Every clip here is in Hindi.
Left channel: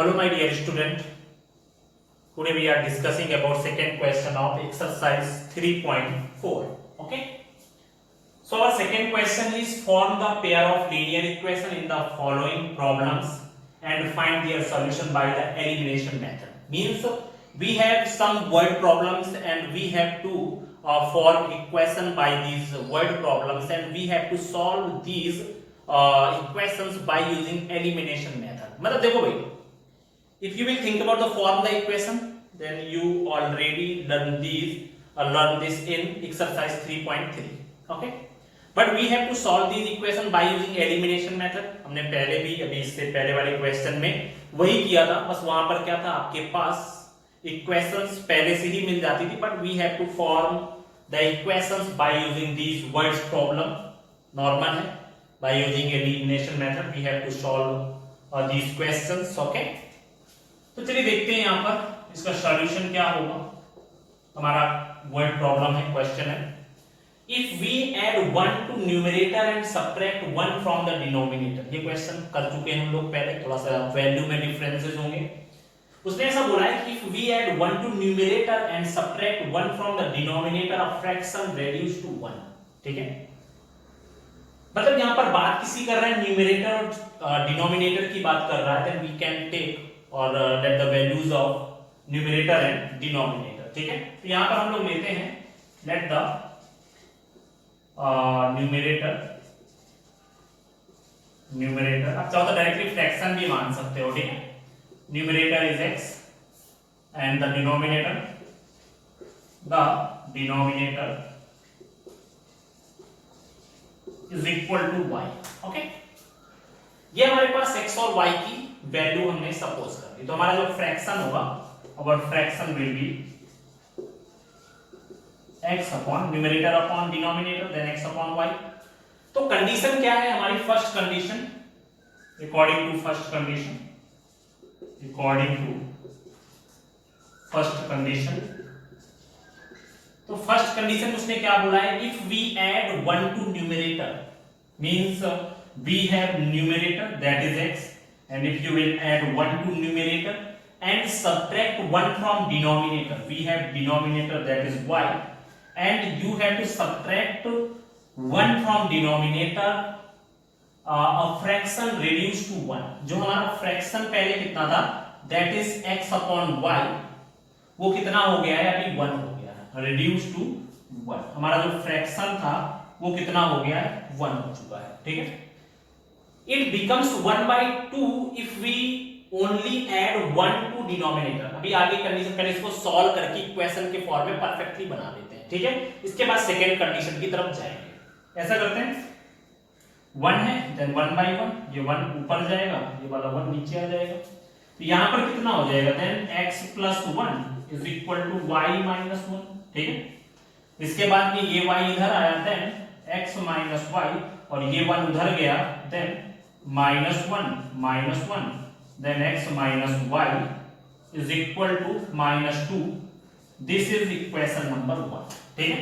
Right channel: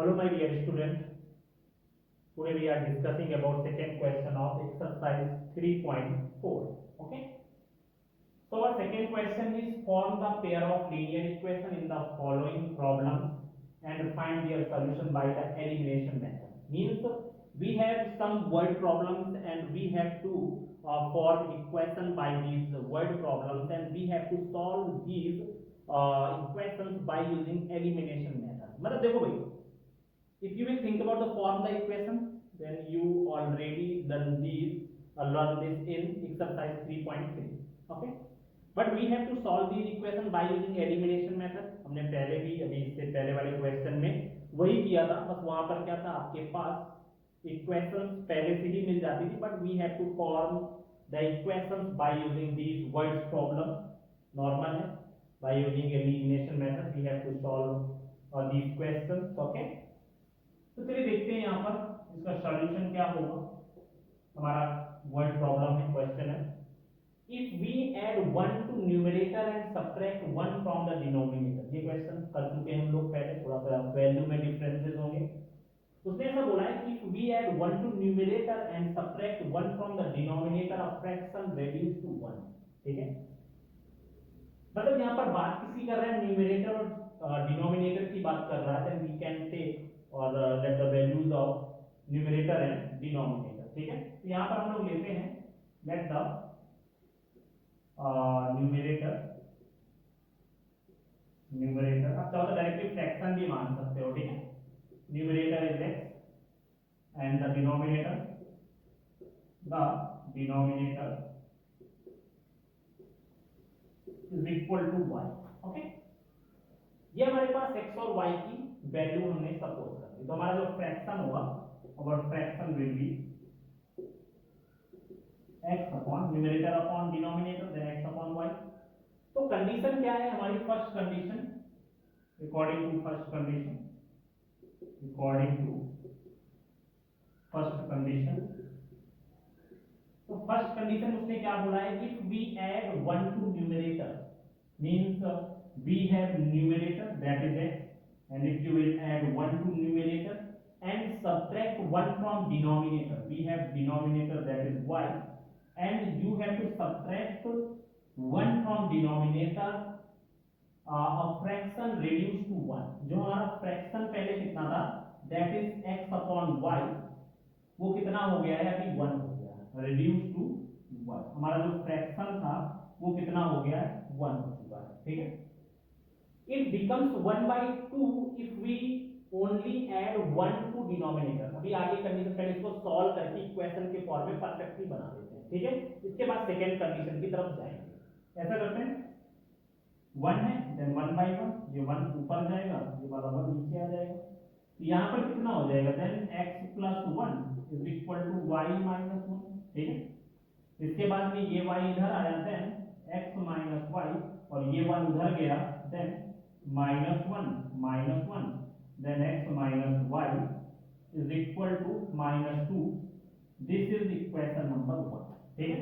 Hello my dear student, today we are discussing about second question of exercise 3.4. Okay, so our second question is form the pair of linear equation in the following problems and find their solution by the elimination method. Means we have some word problems and we have to form equation by these word problems and we have to solve these equations by using elimination method. मतलब देखो भाई, if you will think about the formula equation, then you already learn this in exercise 3.3. Okay, but we have to solve these equation by using elimination method. हमने पहले भी अभी इससे पहले वाले क्वेश्चन में वही किया था, बस वहां पर क्या था, आपके पास इक्वेशंस पहले से ही मिल जाती थी, but we have to form the equations by using these words problem. Normal है, by using elimination method we have to solve these questions. Okay, तो चलिए देखते हैं यहाँ पर इसका सॉल्यूशन क्या होगा. हमारा वर्ड प्रॉब्लम है, क्वेश्चन है, if we add 1 to numerator and subtract 1 from the denominator. ये क्वेश्चन कर चुके हैं हम लोग पहले, थोड़ा सा वैल्यू में डिफरेंसेस होंगे. उसने ऐसा बोला है कि if we add 1 to numerator and subtract 1 from the denominator of fraction reduce to 1. ठीक है, मतलब यहाँ पर बात किसी कर रहा है, न्यूमरेटर और डिनोमिनेटर की बात कर रहा है. देन वी कैन टेक और let the values of numerator and denominator. ठीक है, तो यहाँ पर हम लोग लेते हैं let the numerator. आप चाहो तो डायरेक्टली फ्रैक्शन भी मान सकते हो. ठीक है, numerator is x and the denominator is equal to y. Okay, ये हमारे पास x और y की वैल्यू हमने सपोज कर दी, तो हमारा जो फ्रैक्शन होगा, our fraction will be x upon numerator upon denominator then x upon y. तो कंडीशन क्या है हमारी? First condition, according to first condition, तो फर्स्ट कंडीशन उसने क्या बोला है, if we add 1 to numerator means we have numerator that is x, and if you will add 1 to numerator and subtract 1 from denominator, we have denominator that is y, and you have to subtract 1 from denominator a fraction reduced to 1. जो हमारा फ्रैक्शन पहले कितना था, that is x upon y, वो कितना हो गया है अभी? 1 हो गया है, reduced to 1. हमारा जो फ्रैक्शन था वो कितना हो गया है? 1 हो चुका है. ठीक है, it becomes 1/2 if we only add 1 to denominator. अभी आगे कंडीशन पहले इसको सॉल्व करके इक्वेशन के फॉर्म में परफेक्टली बना देते हैं. ठीक है, इसके बाद सेकंड कंडीशन की तरफ जाएंगे. ऐसा करते हैं, 1 है देन 1/1, ये 1 ऊपर जाएगा, ये वाला 1 नीचे आ जाएगा. तो यहां पर कितना हो जाएगा? Then x + 1 is equal to y - 1. ठीक है, इसके बाद में ये y इधर आया, देन x - y, और ये 1 उधर गया, then -1 then x minus y is equal to -2. This is equation number 1. ठीक है,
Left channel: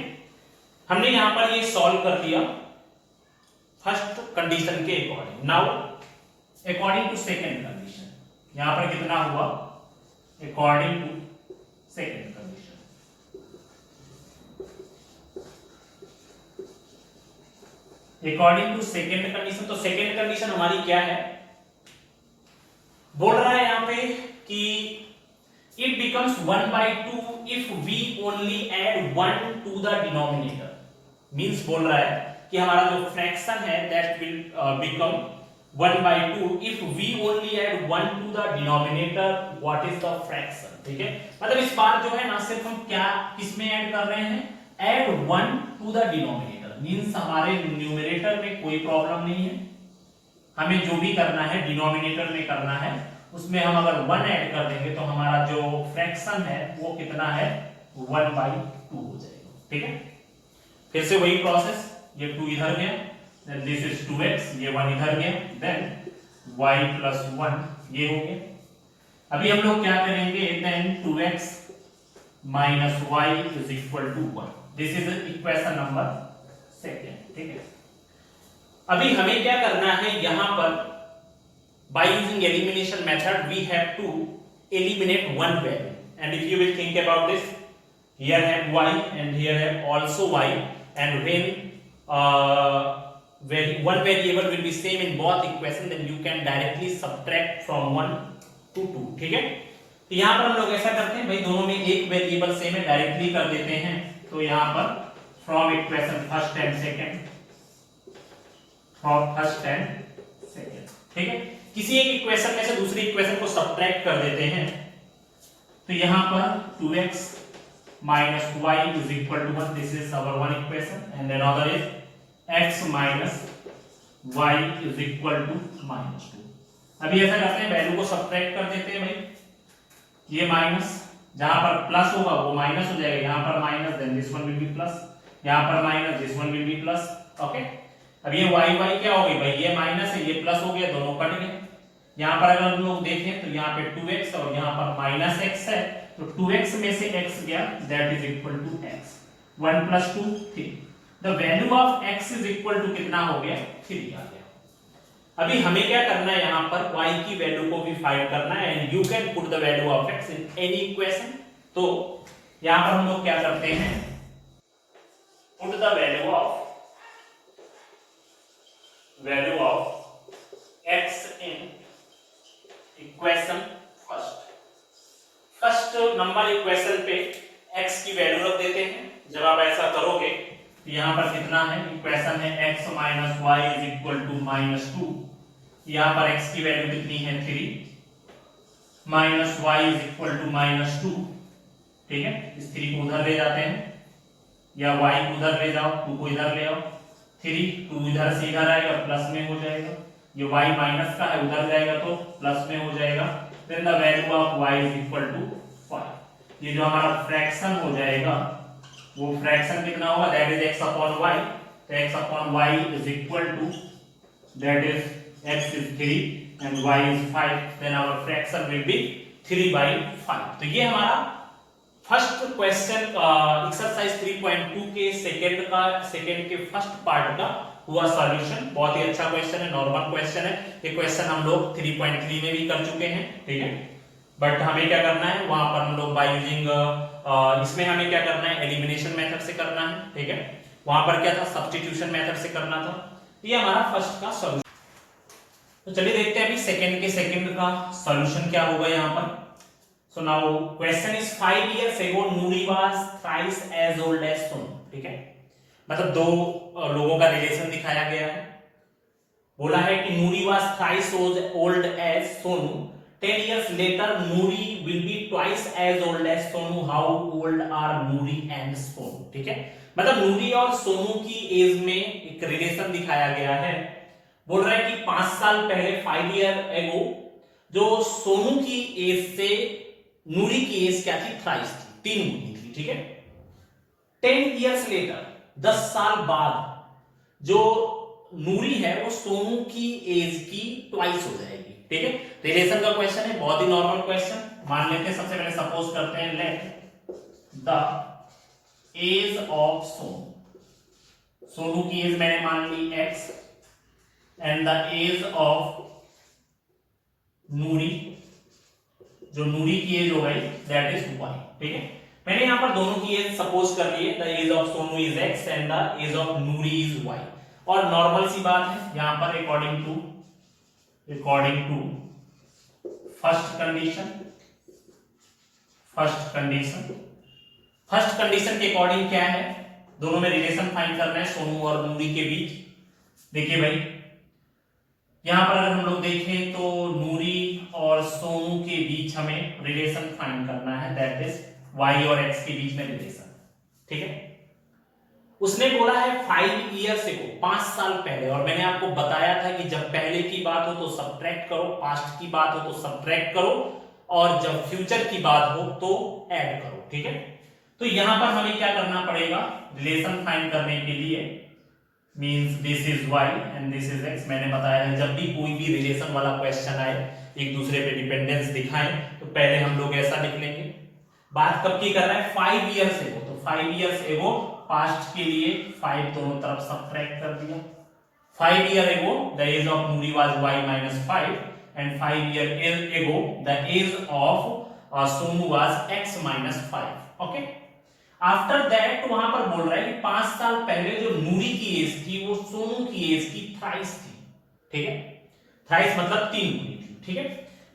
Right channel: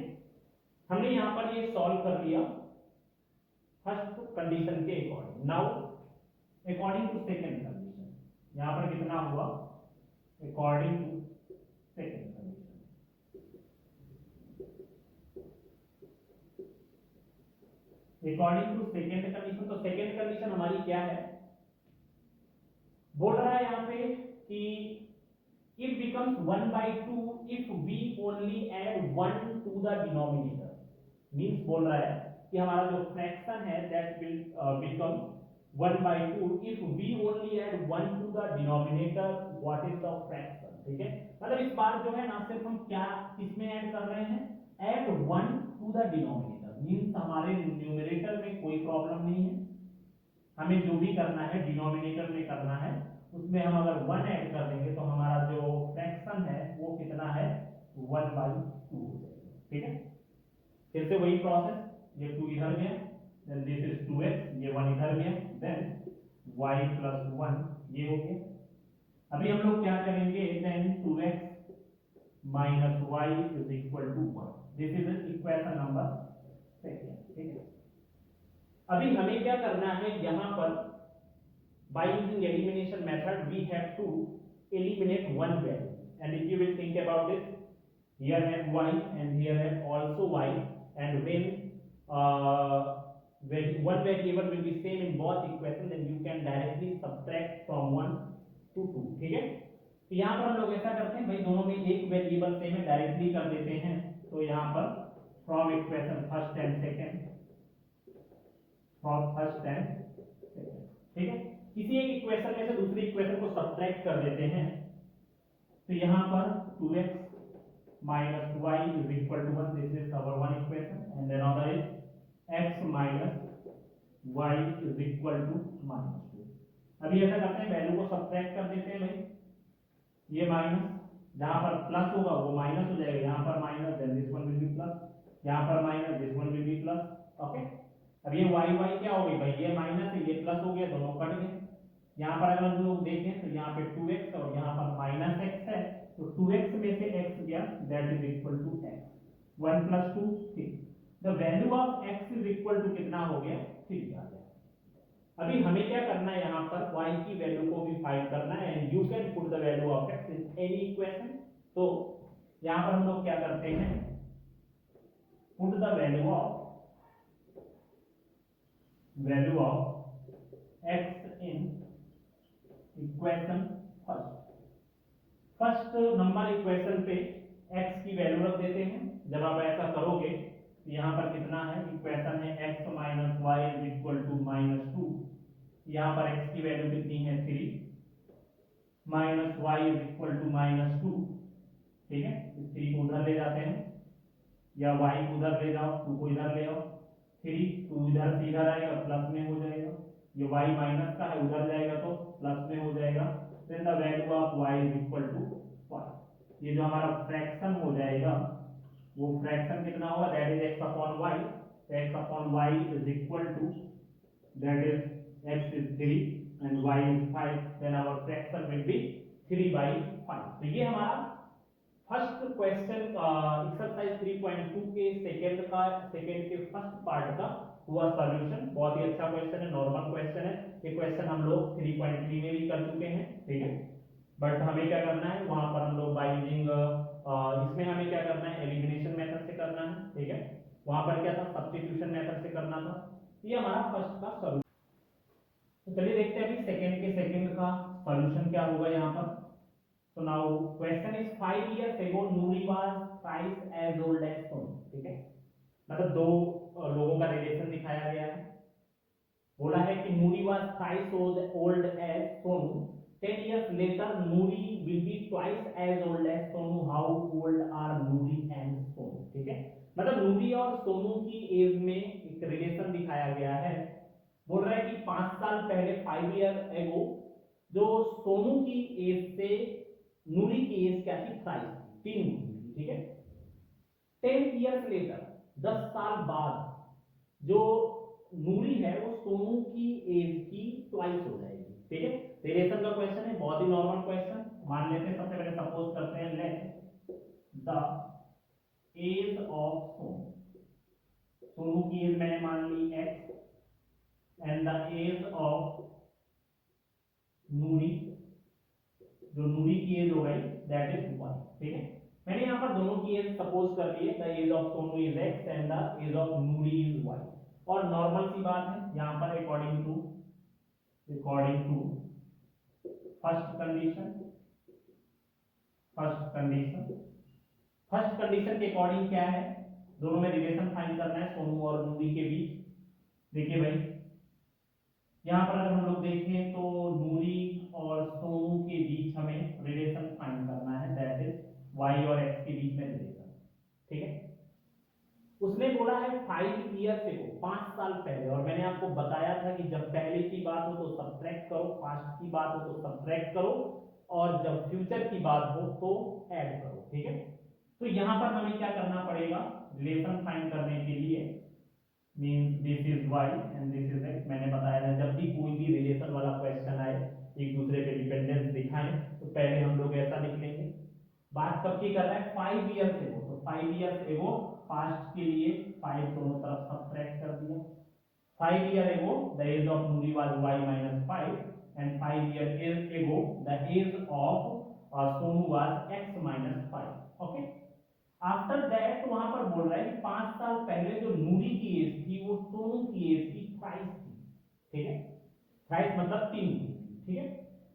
हमने यहां पर ये सॉल्व कर दिया फर्स्ट कंडीशन के according. Now according to second condition, यहां पर कितना हुआ? According to second condition, according to second condition. तो सेकंड कंडीशन हमारी क्या है? बोल रहा है यहां पे कि it becomes 1/2 if we only add 1 to the denominator. Means बोल रहा है कि हमारा जो फ्रैक्शन है that will become 1/2 if we only add 1 to the denominator. What is the fraction? ठीक है, मतलब इस बार जो है ना, सिर्फ हम क्या किसमें ऐड कर रहे हैं? add 1 to the denominator. Means हमारे न्यूमरेटर में कोई प्रॉब्लम नहीं है, हमें जो भी करना है डिनोमिनेटर में करना है, उसमें हम अगर 1 ऐड कर देंगे तो हमारा जो फ्रैक्शन है वो कितना है? 1/2 हो जाएगा. ठीक है, फिर से वही प्रोसेस, ये 2 इधर गया, देन दिस इज 2x, ये 1 इधर गया, देन y + 1 ये हो गया. अभी हम लोग क्या करेंगे? Then 2x - y is equal to 1. This is equation number second. ठीक है, अभी हमें क्या करना है, यहां पर by using elimination method we have to eliminate one value, and if you will think about this, here have y and here have also y, and when one variable will be same in both equation, then you can directly subtract from 1 to 2. ठीक है, तो यहाँ पर हम लोग ऐसा करते हैं भाई, दोनों में एक वेरिएबल सेम है, डायरेक्टली कर देते हैं. तो यहाँ पर from equation first and second, from first and second, ठीक है, किसी एक इक्वेशन में से दूसरी इक्वेशन को सब्ट्रैक्ट कर देते हैं. तो यहाँ पर 2x minus y is equal to 1. This is our one equation, and another is x minus y is equal to minus 2. अभी ऐसा करते हैं, वैल्यू को सब्ट्रैक्ट कर देते हैं भाई. ये माइनस, जहां पर प्लस होगा वो माइनस हो जाएगा, यहाँ पर minus, then this one will be plus, यहाँ पर minus, this one will be plus. Okay, अब ये y y क्या हो गई भाई, ये माइनस है, ये प्लस हो गया, दोनों कट गए. यहाँ पर अगर हम लोग देखें तो यहाँ पे 2x और यहाँ पर माइनस x है, तो 2x में से x गया, that is equal to x. 1 plus 2 3. The value of x is equal to कितना हो गया, 3 आ गया. अभी हमें क्या करना है, यहाँ पर y की वैल्यू को भी फाइंड करना है, and you can put the value of x in any equation. तो यहाँ पर हम लोग क्या करते हैं, put the value of x in equation first number equation पे x की वैल्यू रख देते हैं. जब आप ऐसा करोगे तो यहाँ पर कितना है, इक्वेशन है x minus Y is equal to minus 2. यहाँ पर x की वैल्यू कितनी है, 3 minus Y is equal to minus 2. ठीक है, इस 3 को उधर ले जाते हैं, या y को उधर ले जाओ, 2 को इधर ले आओ, 2 इधर से इधर आएगा, प्लस में हो जाएगा. ये y माइनस का है, उधर जाएगा तो प्लस में हो जाएगा. Then the value of y is equal to 5. ये जो हमारा फ्रैक्शन हो जाएगा, वो फ्रैक्शन कितना होगा, that is x upon y. तो x upon y is equal to, that is x is 3 and y is 5. Then our fraction will be 3/5. तो ये हमारा फर्स्ट क्वेश्चन एक्सरसाइज 3.2 के सेकंड के फर्स्ट पार्ट का हुआ सॉल्यूशन. बहुत ही अच्छा क्वेश्चन है, नॉर्मल क्वेश्चन है. ये क्वेश्चन हम लोग 3.3 में भी कर चुके हैं. ठीक है, बट हमें क्या करना है, वहां पर हम लोग बाय यूजिंग इसमें हमें क्या करना है, एलिमिनेशन मेथड से करना है. ठीक है, वहां पर क्या था, सब्स्टिट्यूशन मेथड से करना था. ये हमारा फर्स्ट का सॉल्यूशन. तो चलिए देखते हैं अभी सेकंड का सॉल्यूशन क्या होगा यहाँ पर. So now question is 5 years ago Nuri was thrice as old as Sonu. ठीक है, मतलब दो लोगों का रिलेशन दिखाया गया है. बोला है कि Nuri was thrice as old as Sonu. 10 years later Nuri will be twice as old as Sonu. How old are Nuri and Sonu? ठीक है, मतलब नूरी और सोनू की एज में एक रिलेशन दिखाया गया है. बोल रहा है कि 5 साल पहले 5 ईयर एगो जो सोनू की एज से नूरी की एज क्या थी, थ्राइस थी, 3 गुनी थी. ठीक है, 10 इयर्स लेटर 10 साल बाद जो नूरी है वो सोनू की एज की ट्वाइस हो जाएगी. ठीक है, रिलेशन का क्वेश्चन है, बहुत ही नॉर्मल क्वेश्चन. मान लेते हैं, सबसे पहले सपोज करते हैं, let the age of Sonu, Sonu की एज मैंने मान ली x, and the age of Noori, जो नूरी की एज हो गई, दैट इज y. ठीक है, मैंने यहां पर दोनों की एज सपोज कर ली है. The age of Sonu is x and the age of Noori is y. और नॉर्मल सी बात है यहां पर, अकॉर्डिंग टू फर्स्ट कंडीशन के अकॉर्डिंग क्या है, दोनों में रिलेशन फाइंड करना है सोनू और नूरी के बीच. देखिए भाई, यहां पर अगर हम लोग देखें तो नूरी और सोनू के बीच हमें रिलेशन फाइंड करना है, दैट इज y और x के बीच में रिलेशन. ठीक है, उसने बोला है 5 ईयर्स से, 5 साल पहले, और मैंने आपको बताया था कि जब पहले की बात हो तो सब्ट्रैक्ट करो, पास्ट की बात हो तो सब्ट्रैक्ट करो, और जब फ्यूचर की बात हो तो ऐड करो. ठीक है, तो यहां पर हमें क्या करना पड़ेगा, रिलेशन फाइंड करने के लिए, means this is y and this is x. मैंने बताया है जब भी कोई भी रिलेशन वाला क्वेश्चन आए, एक दूसरे पे डिपेंडेंस दिखाएं, तो पहले हम लोग ऐसा लिख लेंगे. बात कब की कर रहा है, 5 ईयर्स एगो. तो 5 ईयर्स एगो पास्ट के लिए 5 दोनों तरफ सब्ट्रैक्ट कर दिया. 5 year ago the age of Noori was y minus 5 and 5 years ago the age of Sonu was x minus 5। Okay, after that वहां पर बोल रहा है कि 5 साल पहले जो नूरी की एज थी वो सोनू की एज की थ्राइस थी। ठीक है, थ्राइस मतलब 3 गुनी थी। ठीक है,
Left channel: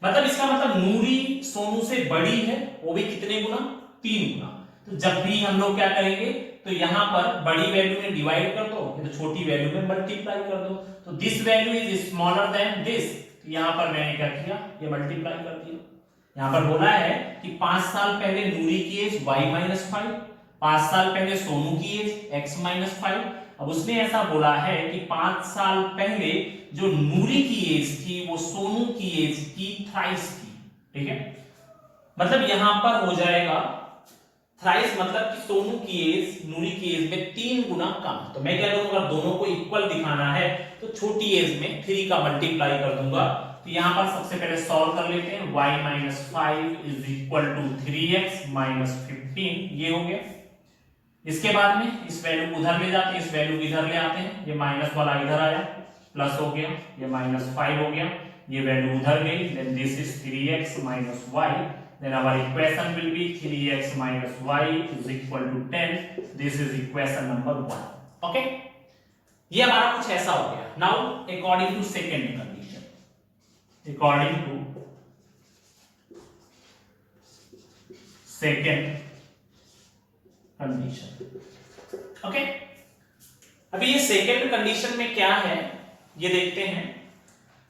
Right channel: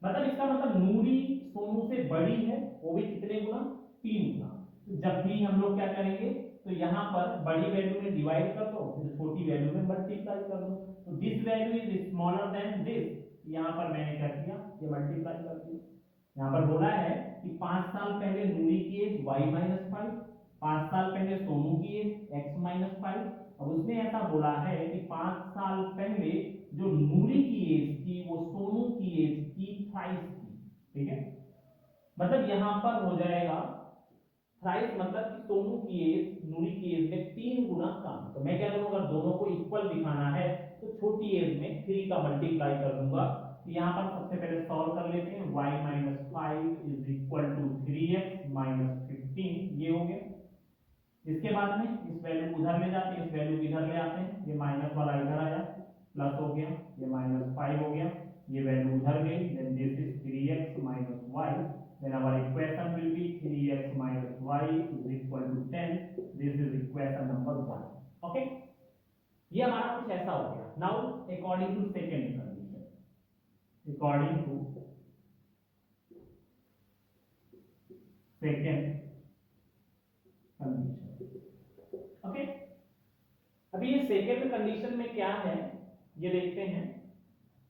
मतलब इसका मतलब नूरी सोनू से बड़ी है, वो भी कितने गुना? 3 गुना। तो जब भी हम लोग क्या करेंगे, तो यहाँ पर बड़ी वैल्यू में डिवाइड कर दो, तो छोटी वैल्यू में मल्टीप्लाई कर दो। तो this value is smaller than this, तो यहाँ पर मैंने क्या किया, ये मल्टीप्लाई कर दिया। यहाँ पर बोला है कि 5 साल पहले नूरी की एज y माइनस 5, 5 साल पहले सोनू की एज x माइनस 5। अब उसने ऐसा बोला है कि 5 साल पहले जो नूरी की एज थी वो सोनू की एज की थ्राइस थी। ठीक है, मतलब यहां पर हो जाएगा थ्राइस मतलब कि सोनू की एज नूरी की एज में 3 गुना कम। तो मैं क्या करूंगा, दोनों को इक्वल दिखाना है तो छोटी एज में 3 का मल्टीप्लाई कर दूंगा। तो यहां पर सबसे पहले सॉल्व कर लेते हैं। y minus 5 is equal to 3x minus 15, ये हो गया। इसके बाद में इस वैल्यू को उधर ले जाते हैं, इस वैल्यू को इधर ले आते हैं, ये माइनस वाला इधर आया, प्लस हो गया, ये माइनस 5 हो गया, ये वैल्यू उधर गई, then this is 3x minus y, then our equation will be 3x minus y is equal to 10। this is equation number 1। okay, ये हमारा कुछ ऐसा हो गया। now according to second condition, according to second condition, okay, अभी ये सेकेंड कंडीशन में क्या है ये देखते हैं।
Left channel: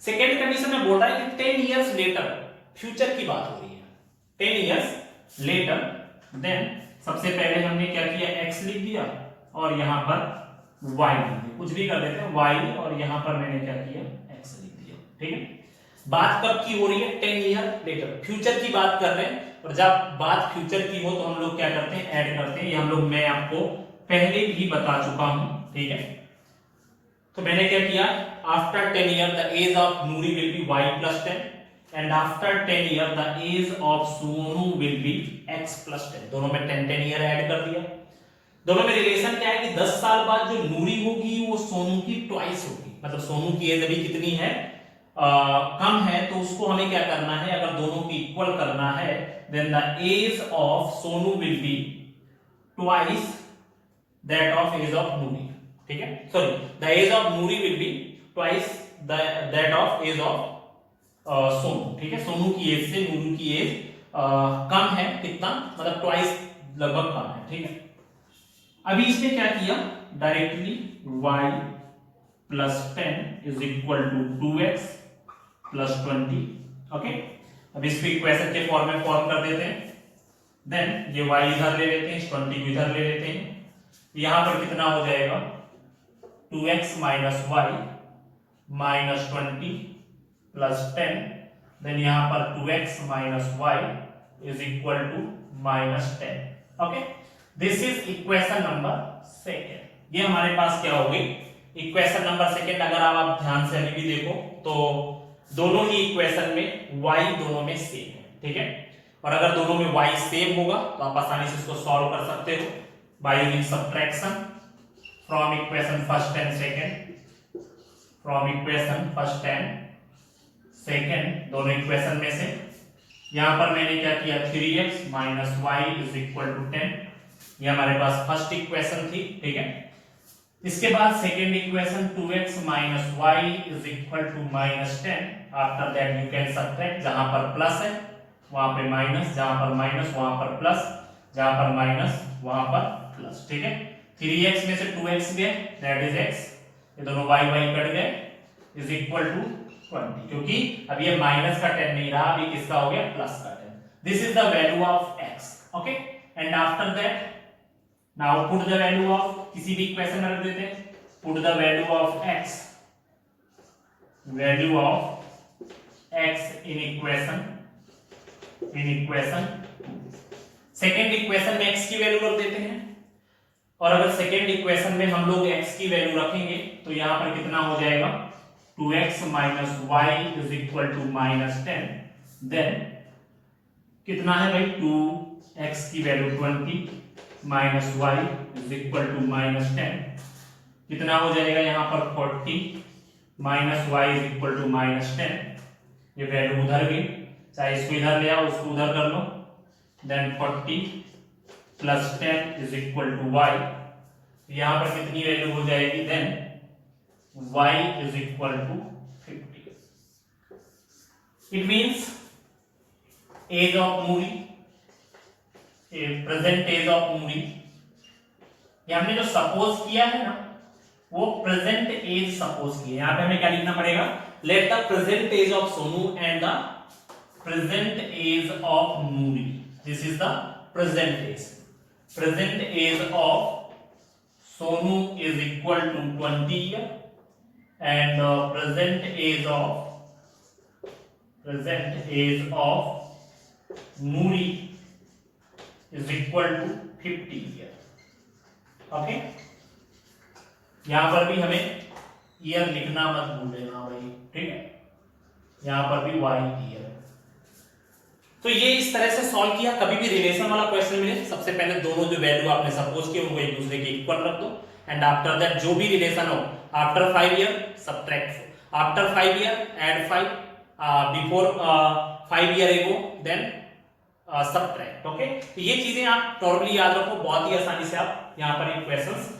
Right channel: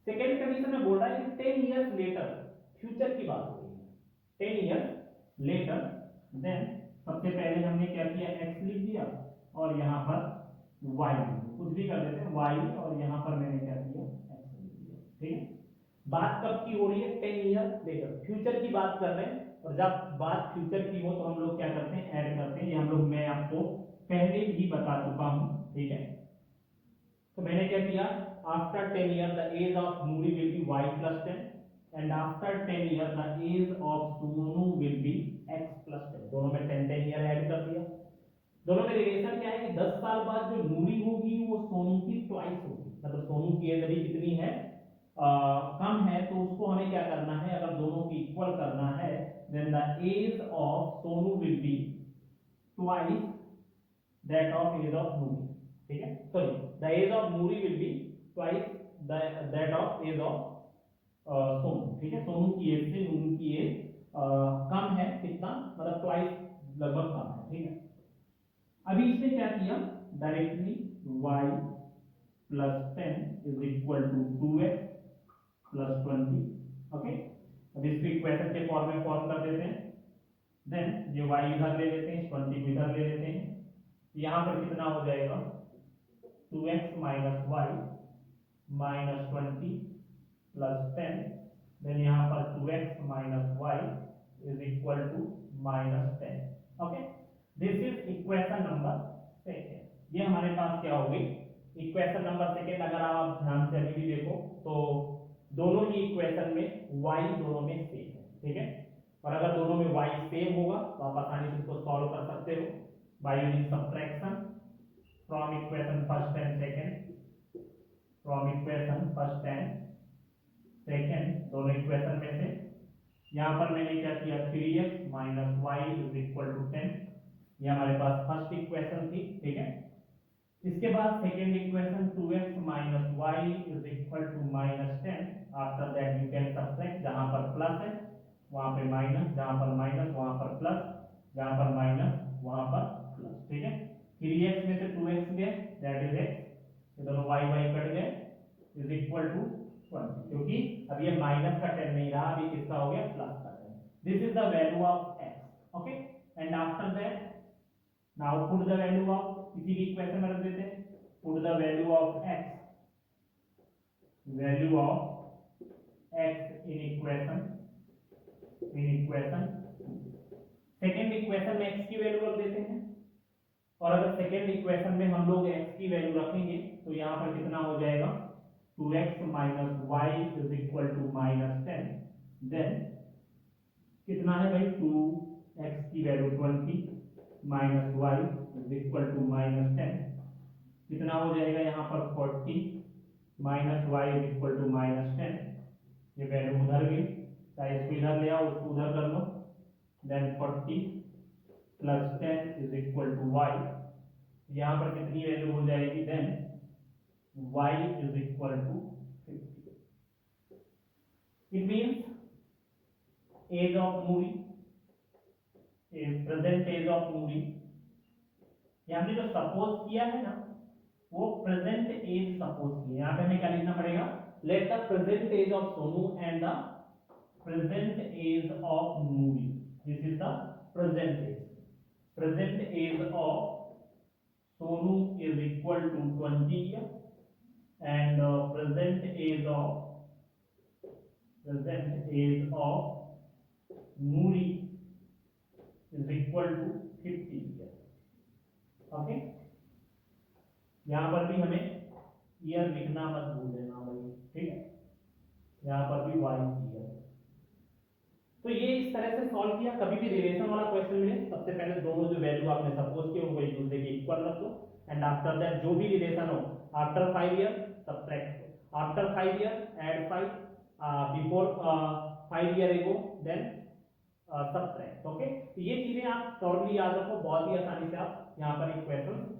सेकेंड कंडीशन में बोल रहा है कि 10 years later, फ्यूचर की बात हो रही है, 10 years later, then सबसे पहले हमने क्या किया, x लिख दिया और यहां पर y लिख दिया, कुछ भी कर देते हैं y, और यहां पर मैंने क्या किया, x लिख दिया। ठीक है, बात कब की हो रही है, 10 ईयर लेटर, फ्यूचर की बात कर रहे हैं। और जब बात फ्यूचर की हो तो हम लोग क्या करते हैं, ऐड करते हैं। ये हम लोग मैं आपको पहले भी बता चुका हूं। ठीक है, तो मैंने क्या किया, after 10 year the age of Noori will be y plus 10 and after 10 year the age of Sonu will be x plus 10। दोनों में 10 ईयर ऐड कर दिया। दोनों में रिलेशन क्या है कि 10 साल बाद जो नूरी होगी वो सोनू की ट्वाइस होगी, मतलब सोनू की एज अभी कितनी है, कम है, तो उसको हमें क्या करना है, अगर दोनों की इक्वल करना है, then the age of Sonu will be twice that of age of Nuri। ठीक है, sorry, the age of Nuri will be twice that of age of Sonu. ठीक है, सोनू की एज से नूरू की एज कम है, कितना, मतलब ट्वाइस लगभग कम है। ठीक है, अभी इसने क्या किया, directly y plus 10 is equal to 2x plus 20। Okay, अब इसको इक्वेशन के फॉर्म में फॉर्म कर देते हैं। देन ये y इधर ले लेते हैं, 20 को इधर ले लेते हैं, यहां पर कितना हो जाएगा, 2x minus y minus 20 plus 10, then यहां पर 2x minus y is equal to minus 10। Okay, this is equation number second. ये हमारे पास क्या हो गई, इक्वेशन नंबर सेकेंड। अगर आप ध्यान से अभी भी देखो तो दोनों ही इक्वेशन में y दोनों में सेम है। ठीक है, और अगर दोनों में y सेम होगा तो आप आसानी से इसको सॉल्व कर सकते हो by using subtraction from equation first and second, from equation first and second, दोनों इक्वेशन में से। यहां पर मैंने क्या किया, 3x minus Y is equal to 10, ये हमारे पास फर्स्ट इक्वेशन थी। ठीक है, इसके बाद second equation 2x minus Y is equal to minus 10। After that you can subtract, जहां पर प्लस है वहां पे माइनस, जहां पर माइनस वहां पर प्लस, जहां पर माइनस वहां पर प्लस। ठीक है, 3x में से 2x गए, दैट इज x, ये दोनों y कट गए, इज इक्वल टू 20, क्योंकि अब ये माइनस का 10 नहीं रहा, अभी किसका हो गया, प्लस का 10। This is the value of x। Okay, and after that now put the value of, किसी भी इक्वेशन में रख देते हैं, put the value of x, value of x in equation, second equation में x की वैल्यू रख देते हैं। और अगर सेकेंड इक्वेशन में हम लोग x की वैल्यू रखेंगे तो यहां पर कितना हो जाएगा, 2x minus Y is equal to minus 10, then कितना है भाई, 2x की value 20 minus Y is equal to minus 10, कितना हो जाएगा यहाँ पर 40 minus Y is equal to minus 10, ये वैल्यू उधर गई, चाहे इसको इधर ले आओ उसको उधर कर लो, then 40 plus 10 is equal to y, यहां पर कितनी वैल्यू हो जाएगी, then y is equal to 50। It means age of Moori, present age of Moori, ये हमने जो सपोज किया है ना वो प्रेजेंट एज सपोज किया। यहां पे हमें क्या लिखना पड़ेगा, let the present age of Sonu and the present age of Moori, this is the present age. Present age of Sonu is equal to 20 year and present age of Moori is equal to 50 year. Okay, यहां पर भी हमें ईयर लिखना मत भूलना भाई, ठीक है, यहां पर भी वाई ईयर। तो ये इस तरह से सॉल्व किया। कभी भी रिलेशन वाला क्वेश्चन मिले, सबसे पहले दोनों जो वैल्यू आपने सपोज किए उनको एक दूसरे के इक्वल रख दो, एंड आफ्टर दैट जो भी रिलेशन हो, after 5 year subtract 4, after 5 year add 5, before 5 year ago then subtract. Okay, तो ये चीजें आप टोटली याद रखो, बहुत ही आसानी से आप यहां पर एक क्वेश्चन।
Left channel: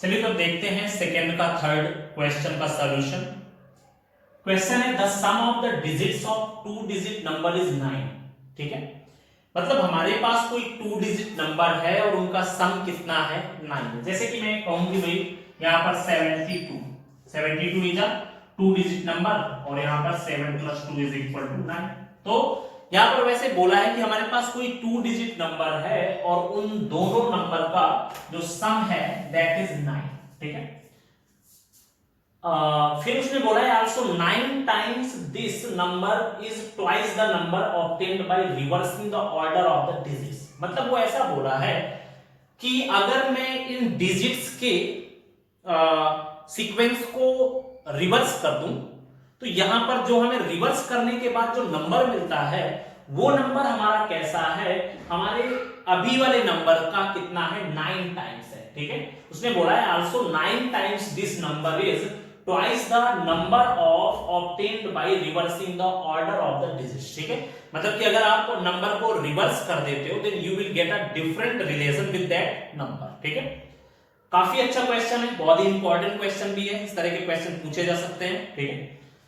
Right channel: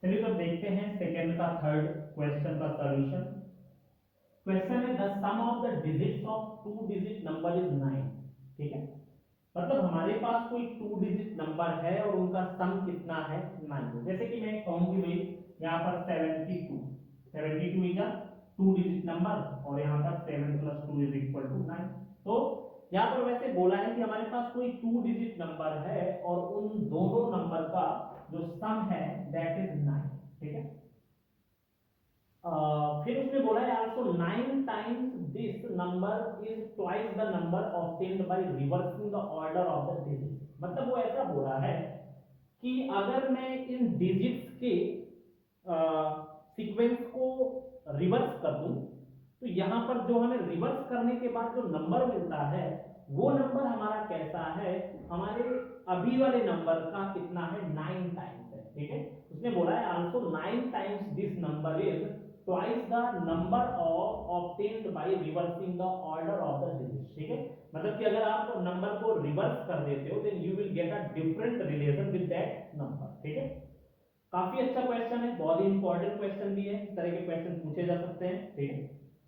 चलिए तो देखते हैं सेकेंड का थर्ड क्वेश्चन का सॉल्यूशन। क्वेश्चन है the sum of the digits of 2 digit number is 9। ठीक है, मतलब हमारे पास कोई 2 डिजिट नंबर है और उनका सम कितना है, 9। जैसे कि मैं कहूं कि भाई यहां पर 72 इज अ 2 डिजिट नंबर और यहां पर 7 + 2 इज इक्वल टू 9। तो यहां पर वैसे बोला है कि हमारे पास कोई 2 डिजिट नंबर है और उन दोनों नंबर का जो सम है दैट इज 9। ठीक है, फिर उसने बोला है also 9 times this number is twice the number obtained by reversing the order of the digits. मतलब वो ऐसा बोला है कि अगर मैं इन डिजिट्स के सीक्वेंस को रिवर्स कर दूं तो यहां पर जो हमें रिवर्स करने के बाद जो नंबर मिलता है वो नंबर हमारा कैसा है, हमारे अभी वाले नंबर का कितना है, 9 टाइम्स है। ठीक है, उसने बोला है also 9 times this number is twice the number of obtained by reversing the order of the digits. ठीक है, मतलब कि अगर आप नंबर को रिवर्स कर देते हो then you will get a different relation with that number. ठीक है, काफी अच्छा क्वेश्चन है, बहुत ही इंपॉर्टेंट क्वेश्चन भी है, इस तरह के क्वेश्चन पूछे जा सकते हैं। ठीक है,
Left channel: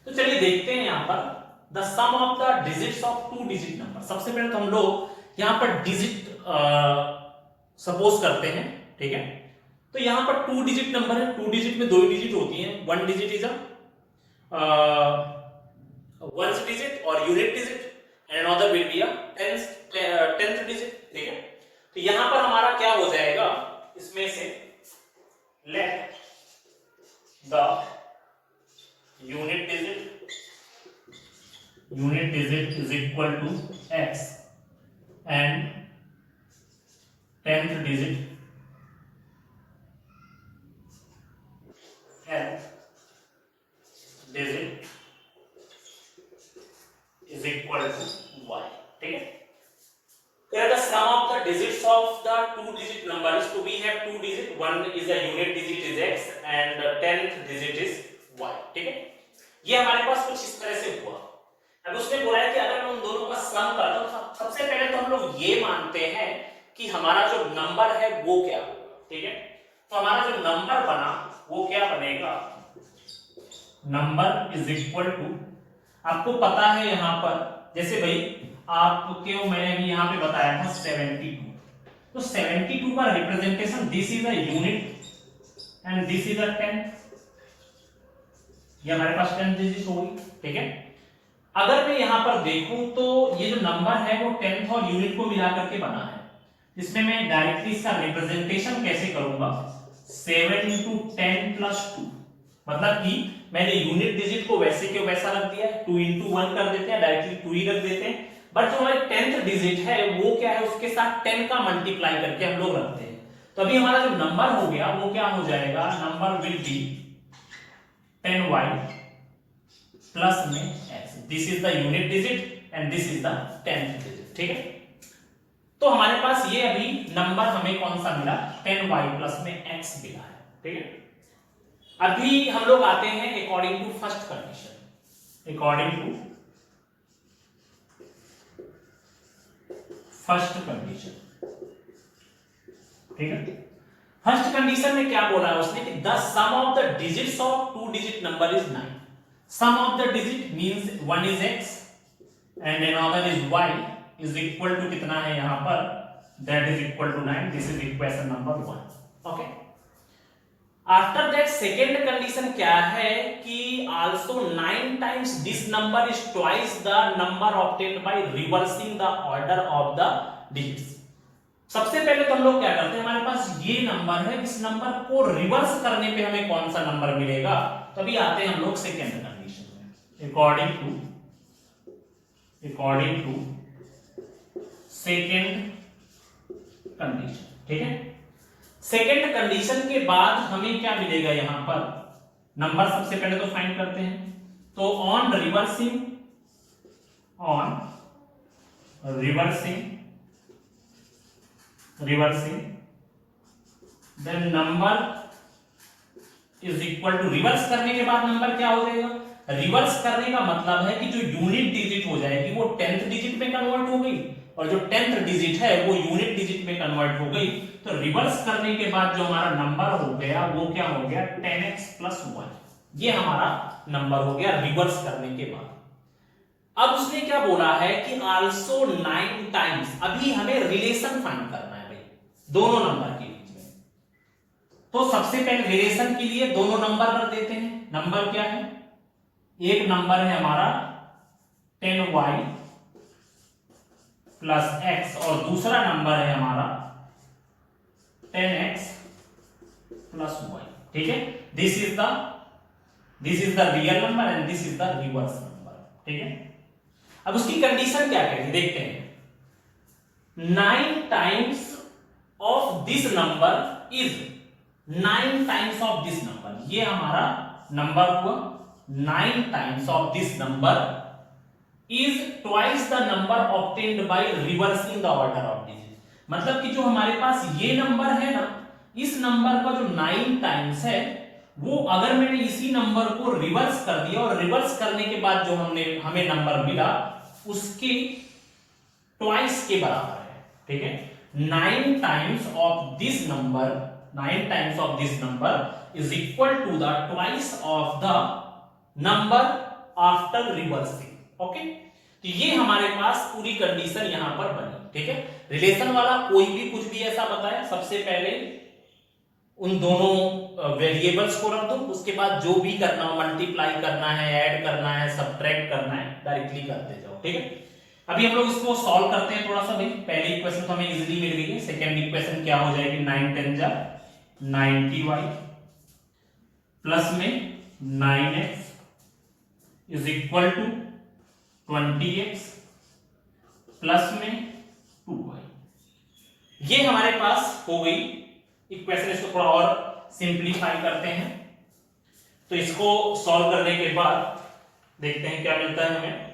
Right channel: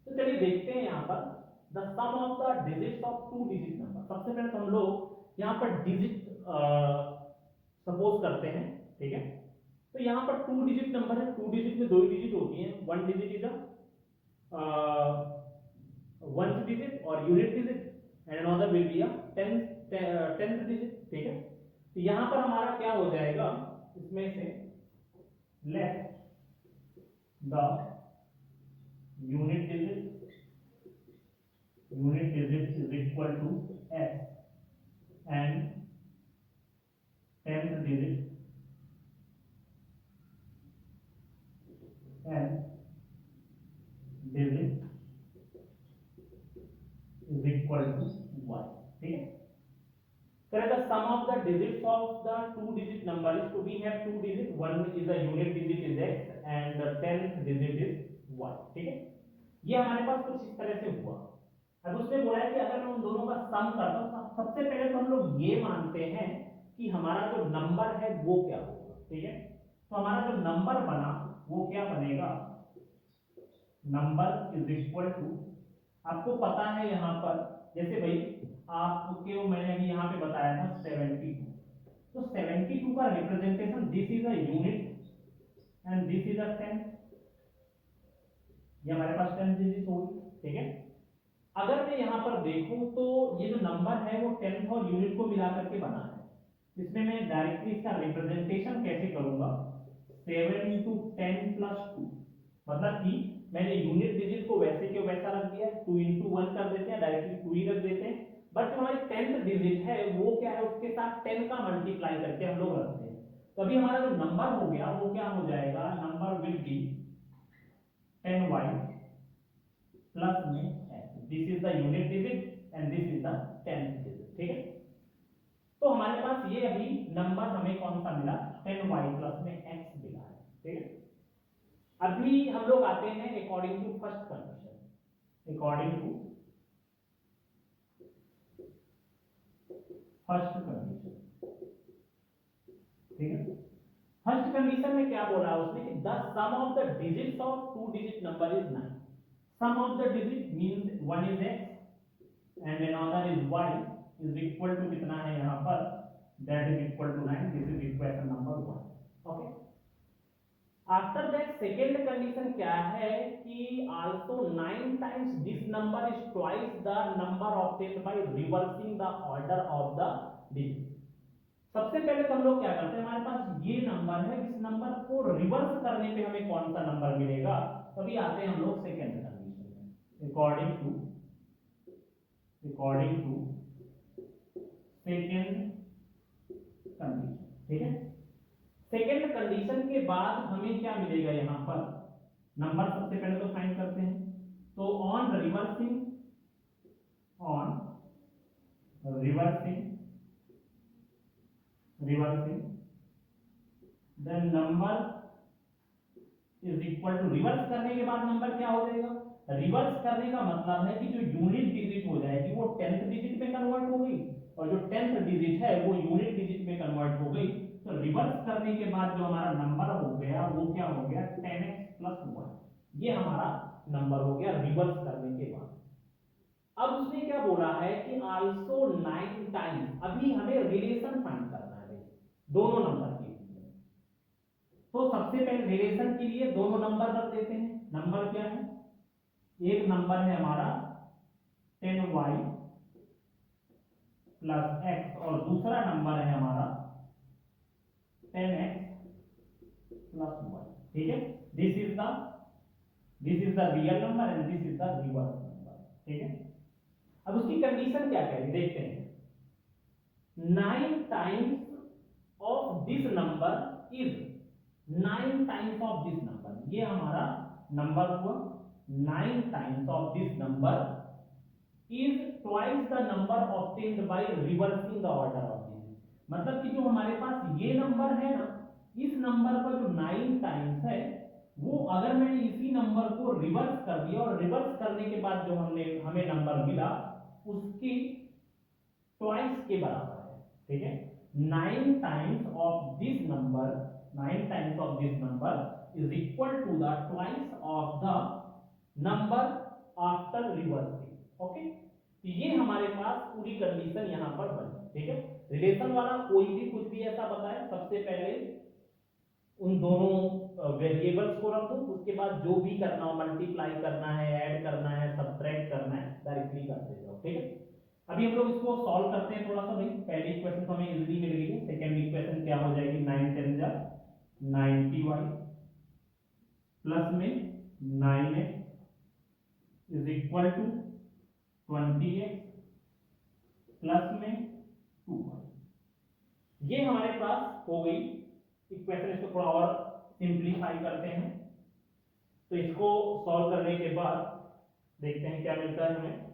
तो चलिए देखते हैं यहां पर the sum of the digits of 2 digit number. सबसे पहले तो हम लोग यहां पर डिजिट सपोज करते हैं। ठीक है, तो यहां पर 2 डिजिट नंबर है, 2 डिजिट में 2 डिजिट होती हैं, 1 digit is a ones digit और unit digit and another will be a tenth digit. ठीक है, तो यहां पर हमारा क्या हो जाएगा, इसमें से let the unit digit is equal to x and 10th digit is equal to y। ठीक है, here the sum of the digits of the 2 digit number is, to we have 2 digit, one is a unit digit is x and the 10th digit is y। ठीक है, ये हमारे पास कुछ इस तरह से हुआ। अब उसने बोला है कि अगर मैं उन दोनों का सम करता हूं, सबसे पहले तो हम लोग ये मानते हैं कि हमारा जो नंबर है वो क्या होगा। ठीक है, तो हमारा जो नंबर बना वो क्या बनेगा, नंबर इज इक्वल टू, आपको पता है यहां पर जैसे भाई आपको मैंने अभी यहां पे बताया था 72, तो 72 का representation this is a unit and this is अ 10, ये हमारे पास 10 डिजिट होगी। ठीक है, अगर मैं यहां पर देखूं तो ये जो नंबर है वो 10th और यूनिट को मिलाकर के बना है, इसमें मैं डायरेक्टली इसका रिप्रेजेंटेशन कैसे करूंगा, 7 × 10 + 2, मतलब कि मैंने यूनिट डिजिट को वैसे के वैसा रख दिया, 2 × 1 कर देते हैं, डायरेक्टली 2 ही रख देते हैं, बट जो हमारे 10th डिजिट है वो क्या है, उसके साथ 10 का मल्टीप्लाई करके हम लोग रखते हैं। तो अभी हमारा जो नंबर हो गया वो क्या हो जाएगा, number will be 10y plus में x, this is the unit digit and this is the 10th digit. ठीक है, तो हमारे पास ये अभी नंबर हमें कौन सा मिला, 10y प्लस में x मिला है। ठीक है, अभी हम लोग आते हैं according to first condition. According to first condition. ठीक है, फर्स्ट कंडीशन में क्या बोला है उसने कि the sum of the digits of two digit number is 9। Sum of the digit means one is x and another is y is equal to कितना है यहां पर, that is equal to 9। This is equation number 1। Okay, after that second condition क्या है कि also 9 times this number is twice the number obtained by reversing the order of the digits. सबसे पहले तो हम लोग क्या करते हैं, हमारे पास ये नंबर है, इस नंबर को रिवर्स करने पे हमें कौन सा नंबर मिलेगा, तो अभी आते हैं हम लोग सेकेंड कंडीशन में। According to second condition. ठीक है, सेकेंड कंडीशन के बाद हमें क्या मिलेगा, यहां पर नंबर सबसे पहले तो फाइंड करते हैं। तो on reversing then number is equal to, reverse करने के बाद नंबर क्या हो जाएगा, रिवर्स करने का मतलब है कि जो यूनिट डिजिट हो जाएगी वो 10th डिजिट में कन्वर्ट हो गई, और जो 10th डिजिट है वो यूनिट डिजिट में कन्वर्ट हो गई। तो रिवर्स करने के बाद जो हमारा नंबर हो गया वो क्या हो गया, 10x + 1। ये हमारा नंबर हो गया रिवर्स करने के बाद। अब उसने क्या बोला है कि आल्सो 9 टाइम्स, अभी हमें रिलेशन फाइंड करना है भाई दोनों नंबर के बीच में। तो सबसे पहले रिलेशन के लिए दोनों नंबर रख देते हैं। नंबर क्या है, एक नंबर है हमारा 10y + x और दूसरा नंबर है हमारा 10x + y। ठीक है, this is the real number and this is the reverse number. ठीक है, अब उसकी कंडीशन क्या कहेगी देखते हैं। 9 times of this number is 9 times of this number, ये हमारा नंबर हुआ 9 times of this number is twice the number obtained by reversing the order of digit. मतलब कि जो हमारे पास ये नंबर है ना, इस नंबर का जो 9 टाइम्स है वो अगर मैंने इसी नंबर को रिवर्स कर दिया और रिवर्स करने के बाद जो हमें नंबर मिला उसके ट्वाइस के बराबर है। ठीक है, 9 times of this number is equal to the twice of the number after reversing. Okay, तो ये हमारे पास पूरी कंडीशन यहां पर बनी। ठीक है, रिलेशन वाला कोई भी कुछ भी ऐसा बताया, सबसे पहले उन दोनों वेरिएबल्स को रख दो, उसके बाद जो भी करना हो, मल्टीप्लाई करना है, ऐड करना है, सब्ट्रैक्ट करना है, डायरेक्टली करते जाओ। ठीक है, अभी हम लोग इसको सॉल्व करते हैं थोड़ा सा भाई। पहली इक्वेशन तो हमें इजीली मिल गई है, सेकंड इक्वेशन क्या हो जाएगी, 9 10 जा 90y प्लस में 9x is equal to 20x plus में 2y। ये हमारे पास हो गई इक्वेशन। इसको थोड़ा और सिंप्लीफाई करते हैं, तो इसको सॉल्व करने के बाद देखते हैं क्या मिलता है हमें।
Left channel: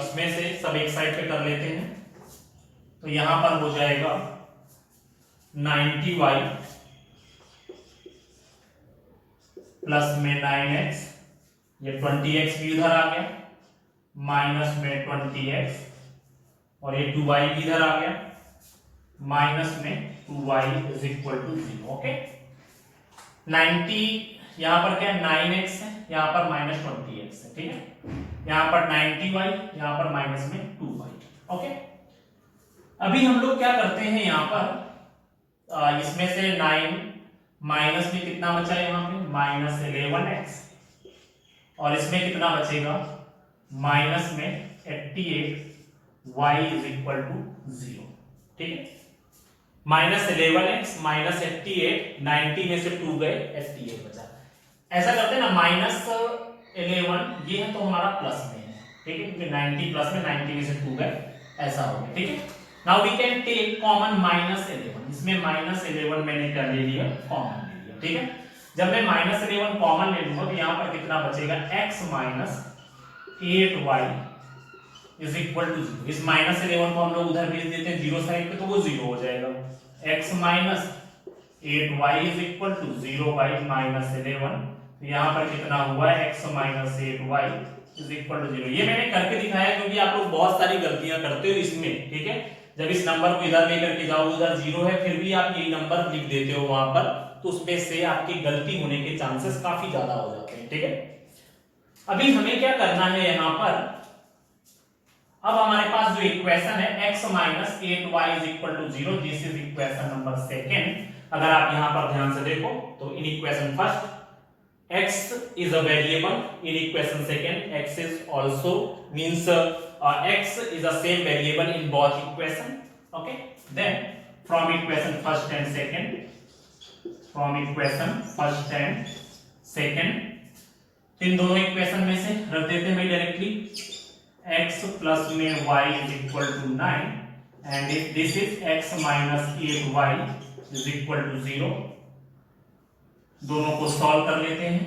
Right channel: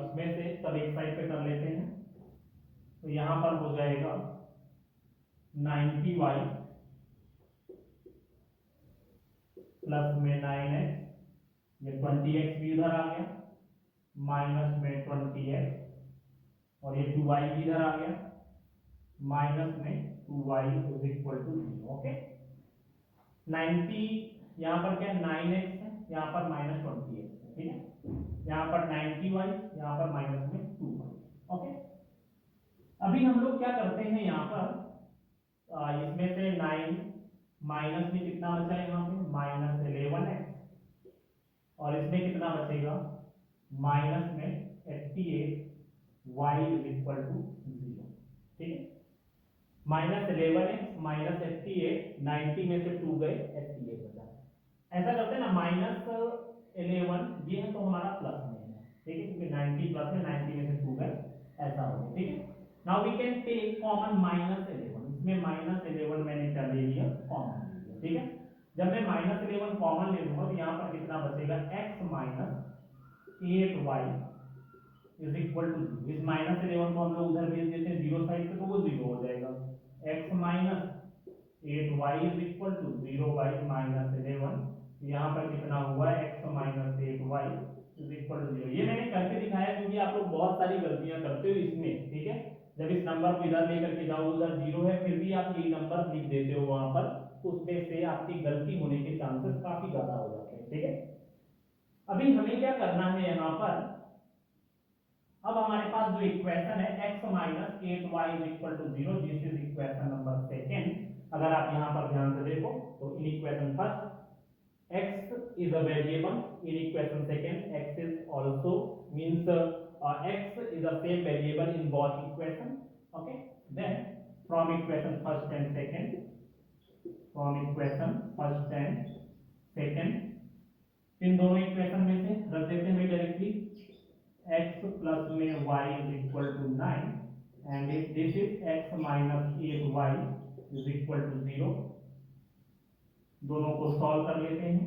इसमें से सब एक साइड पे कर लेते हैं, तो यहां पर हो जाएगा 90y प्लस में 9x, ये 20x भी इधर आ गया, माइनस में 20x और ये 2y भी इधर आ गया, माइनस में 2y is equal to 0। Okay, 90 यहां पर क्या है, 9x है, यहां पर माइनस 20x है। ठीक है, यहां पर 90y, यहां पर माइनस में 2y। ओके, अभी हम लोग क्या करते हैं, यहां पर इसमें से 9 माइनस में कितना बचा है, यहां पे माइनस 11x और इसमें कितना बचेगा, माइनस में 88y इज इक्वल टू 0। ठीक है, माइनस 11x माइनस 88, 90 में से 2 गए, 88 बचा। ऐसा करते हैं ना, माइनस 11 ये है तो हमारा प्लस में है। ठीक है, क्योंकि 90 प्लस में 90 में से 2 गए, ऐसा हो गया। ठीक है, now we can take common minus 11। इसमें माइनस 11 मैंने कर ले लिया, कॉमन ले लिया। ठीक है, जब मैं माइनस 11 कॉमन ले लूंगा तो यहां पर कितना बचेगा, x minus 8y is equal to 0। इस माइनस 11 को हम लोग उधर भेज देते हैं 0 साइड पे, तो वो 0 हो जाएगा। x minus 8y is equal to 0 by minus 11 तो यहाँ पर कितना हुआ x minus 8y is equal to 0। ये मैंने करके दिखाया क्योंकि आप लोग बहुत सारी गलतियां करते हो इसमें, ठीक है। जब इस नंबर को इधर लेकर के जाओ, उधर 0 है फिर भी आप यही नंबर लिख देते हो वहां पर, तो उसमें से आपकी गलती होने के चांसेस काफी ज्यादा हो जाते हैं, ठीक है। अभी हमें क्या करना है यहाँ पर, अब हमारे पास जो इक्वेशन है x minus 8y is equal to 0, this is equation number second. अगर आप यहाँ पर ध्यान से देखो तो in equation first x is a variable, in equation second x is also means x is the same variable in both equation, okay। Then from equation first and second इन दोनों इक्वेशन में से रख देते हैं भाई डायरेक्टली, x प्लस में y is equal to 9 and if this is x minus 8y is equal to 0, दोनों को सॉल्व कर लेते हैं।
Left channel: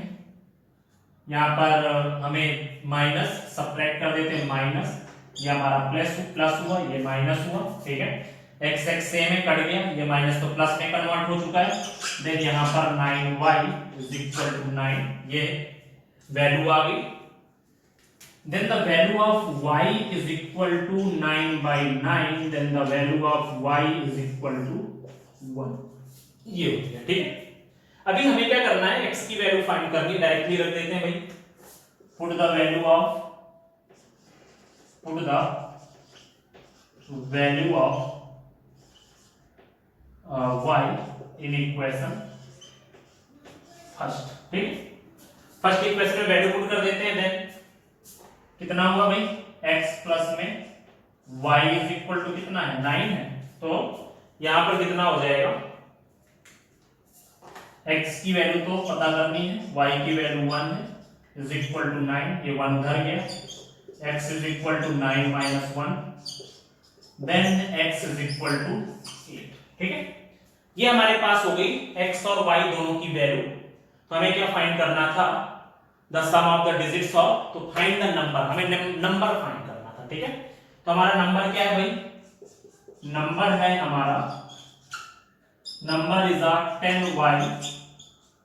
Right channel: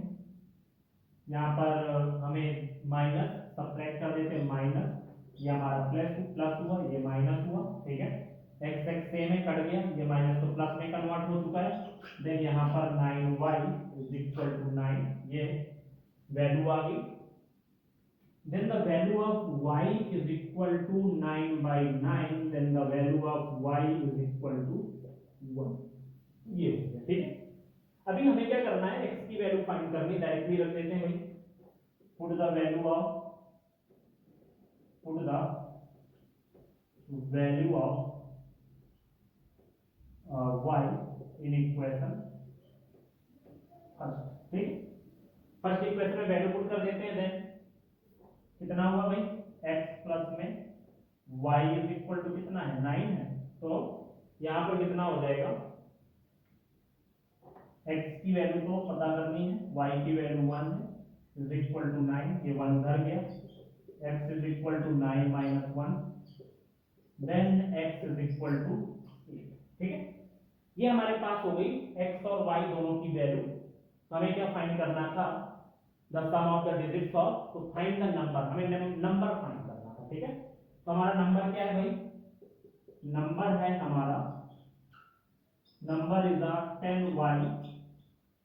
यहाँ पर हमें माइनस सब्ट्रैक्ट कर देते हैं, माइनस ये हमारा प्लस हुआ, ये माइनस हुआ, ठीक है। x x सेम है, कट गया, ये माइनस तो प्लस में कन्वर्ट हो चुका है। देन यहाँ पर 9y इज इक्वल टू 9, ये वैल्यू आ गई। Then the value of y is equal to 9/9, then the value of y is equal to 1, ये हो गया, ठीक है। अभी हमें क्या करना है, x की वैल्यू फाइंड करनी, डायरेक्टली रख देते हैं भाई, put the value of y in equation first, ठीक। फर्स्ट इक्वेशन में वैल्यू पुट कर देते हैं, देन कितना हुआ भाई, x प्लस में y इज इक्वल टू कितना है, 9 है, तो यहां पर कितना हो जाएगा, x की वैल्यू तो पता करनी है, y की वैल्यू 1 है, इज इक्वल टू 9, ये 1 उधर गया, x is equal to 9 minus 1, then x is equal to 8, ठीक है। ये हमारे पास हो गई x और y दोनों की वैल्यू। तो हमें क्या फाइंड करना था, the sum of the digits of, तो फाइंड द नंबर, हमें नंबर फाइंड करना था, ठीक है। तो हमारा नंबर क्या है भाई, नंबर है हमारा, number is 10y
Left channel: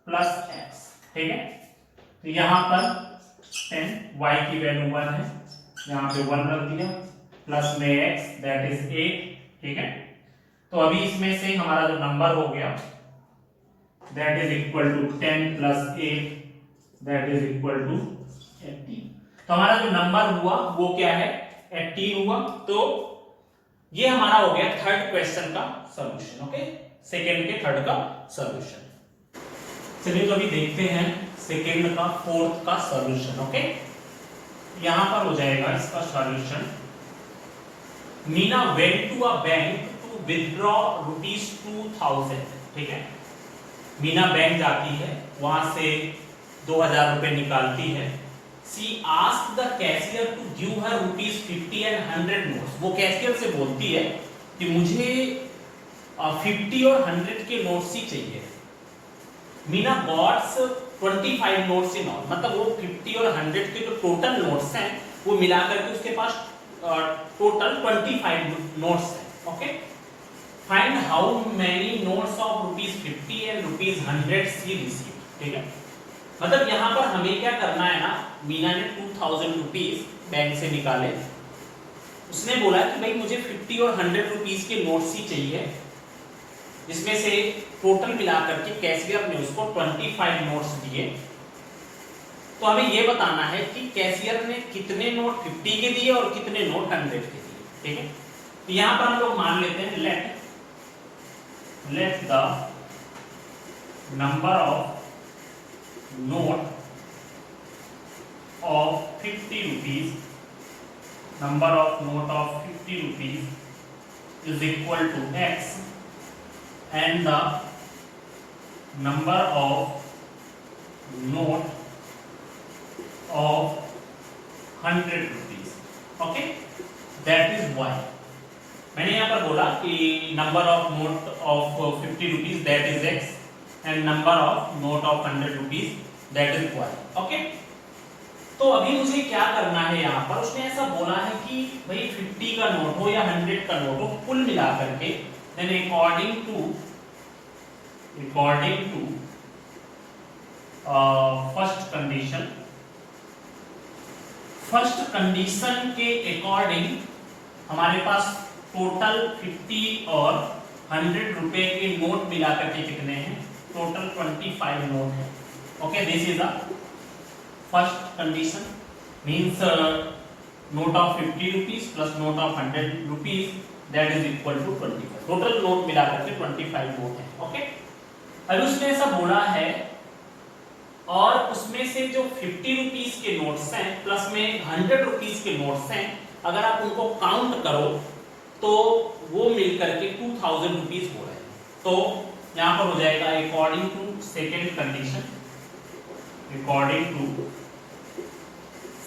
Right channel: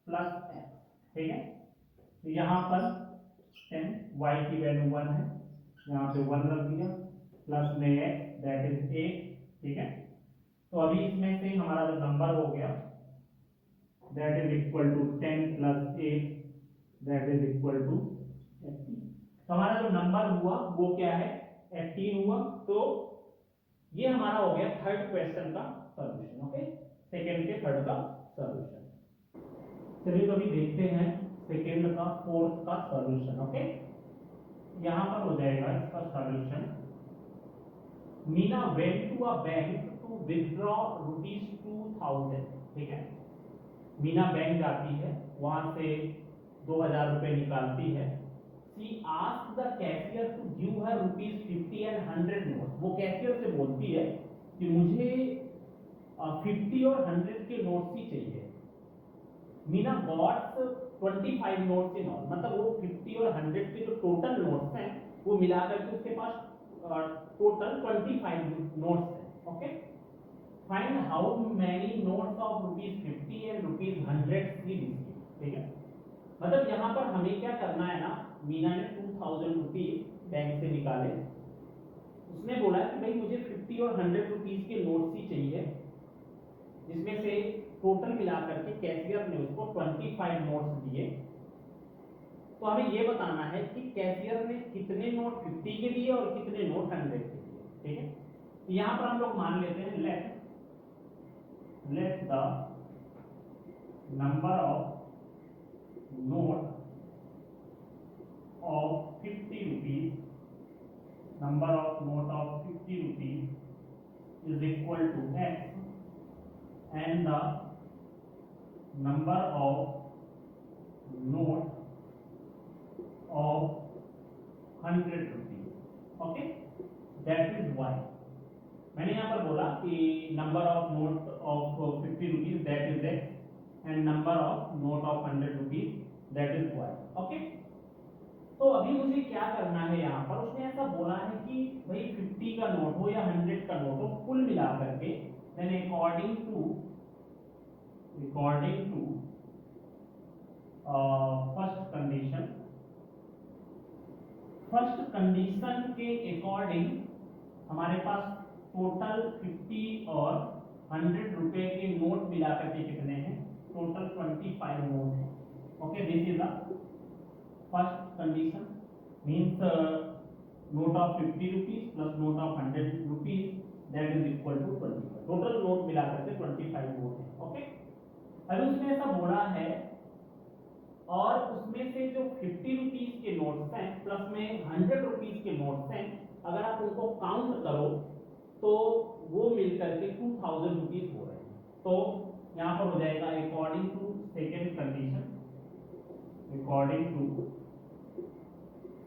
plus x, ठीक है। तो यहां पर 10y की वैल्यू 1 है, यहां पे 1 रख दिया, प्लस में x दैट इज 8, ठीक है। तो अभी इसमें से हमारा जो नंबर हो गया that is equal to 10 plus 8 that is equal to 18। तो हमारा जो नंबर हुआ वो क्या है, 18 हुआ। तो ये हमारा हो गया थर्ड क्वेश्चन का सॉल्यूशन, ओके, सेकेंड के थर्ड का सॉल्यूशन। चलिए तो अभी देखते हैं सेकेंड का फोर्थ का सॉल्यूशन, ओके। यहां पर हो जाएगा इसका solution, Meena went to a bank to withdraw ₹2000, ठीक है। मीना बैंक जाती है, वहां से 2000 रुपए निकालती है। She asked the cashier to give her ₹50 and 100 notes. वो कैशियर से बोलती है कि मुझे 50 और 100 के नोट्स ही चाहिए। Meena gots 25 notes in all, मतलब वो 50 और 100 के जो टोटल नोट्स हैं वो मिलाकर के उसके पास टोटल 25 नोट्स हैं, okay. Find how many notes of ₹50 and ₹100 she received, ठीक है। मतलब यहाँ पर हमें क्या करना है ना, मीना ने 2000 रुपीज बैंक से निकाले, उसने बोला कि भाई मुझे 50 और 100 रुपीज के नोट्स ही चाहिए, जिसमें से टोटल मिलाकर के कैशियर ने उसको 25 नोट्स दिए। तो हमें ये बताना है कि कैशियर ने कितने नोट 50 के दिए और कितने नोट 100 के दिए, ठीक है। तो यहाँ पर हम लोग मान लेते हैं let the number of note of 50 rupees, number of note of 50 rupees is equal to x and the number of note of 100 rupees, okay, that is y। मैंने यहाँ पर बोला कि number of note of 50 rupees that is x and number of note of 100 rupees that is y, okay। तो अभी मुझे क्या करना है, यहाँ पर उसने ऐसा बोला है कि भाई 50 का नोट हो या 100 का नोट हो, कुल मिला करके then according to first condition के अकॉर्डिंग हमारे पास टोटल 50 और 100 रुपए के नोट मिलाकर के कितने हैं? टोटल 25 नोट है। Okay, this is a first condition, means note of 50 rupees plus note of 100 rupees, that is equal to 25। Total note मिलाकर के 25 नोट है। ओके, अब उसने ऐसा बोला है और उसमें से जो 50 रुपीज के नोट्स हैं प्लस में 100 रुपीज के नोट्स हैं, अगर आप उनको काउंट करो तो वो मिलकर के 2000 रुपीज हो रहे हैं। तो यहां पर हो जाएगा according to second condition, according to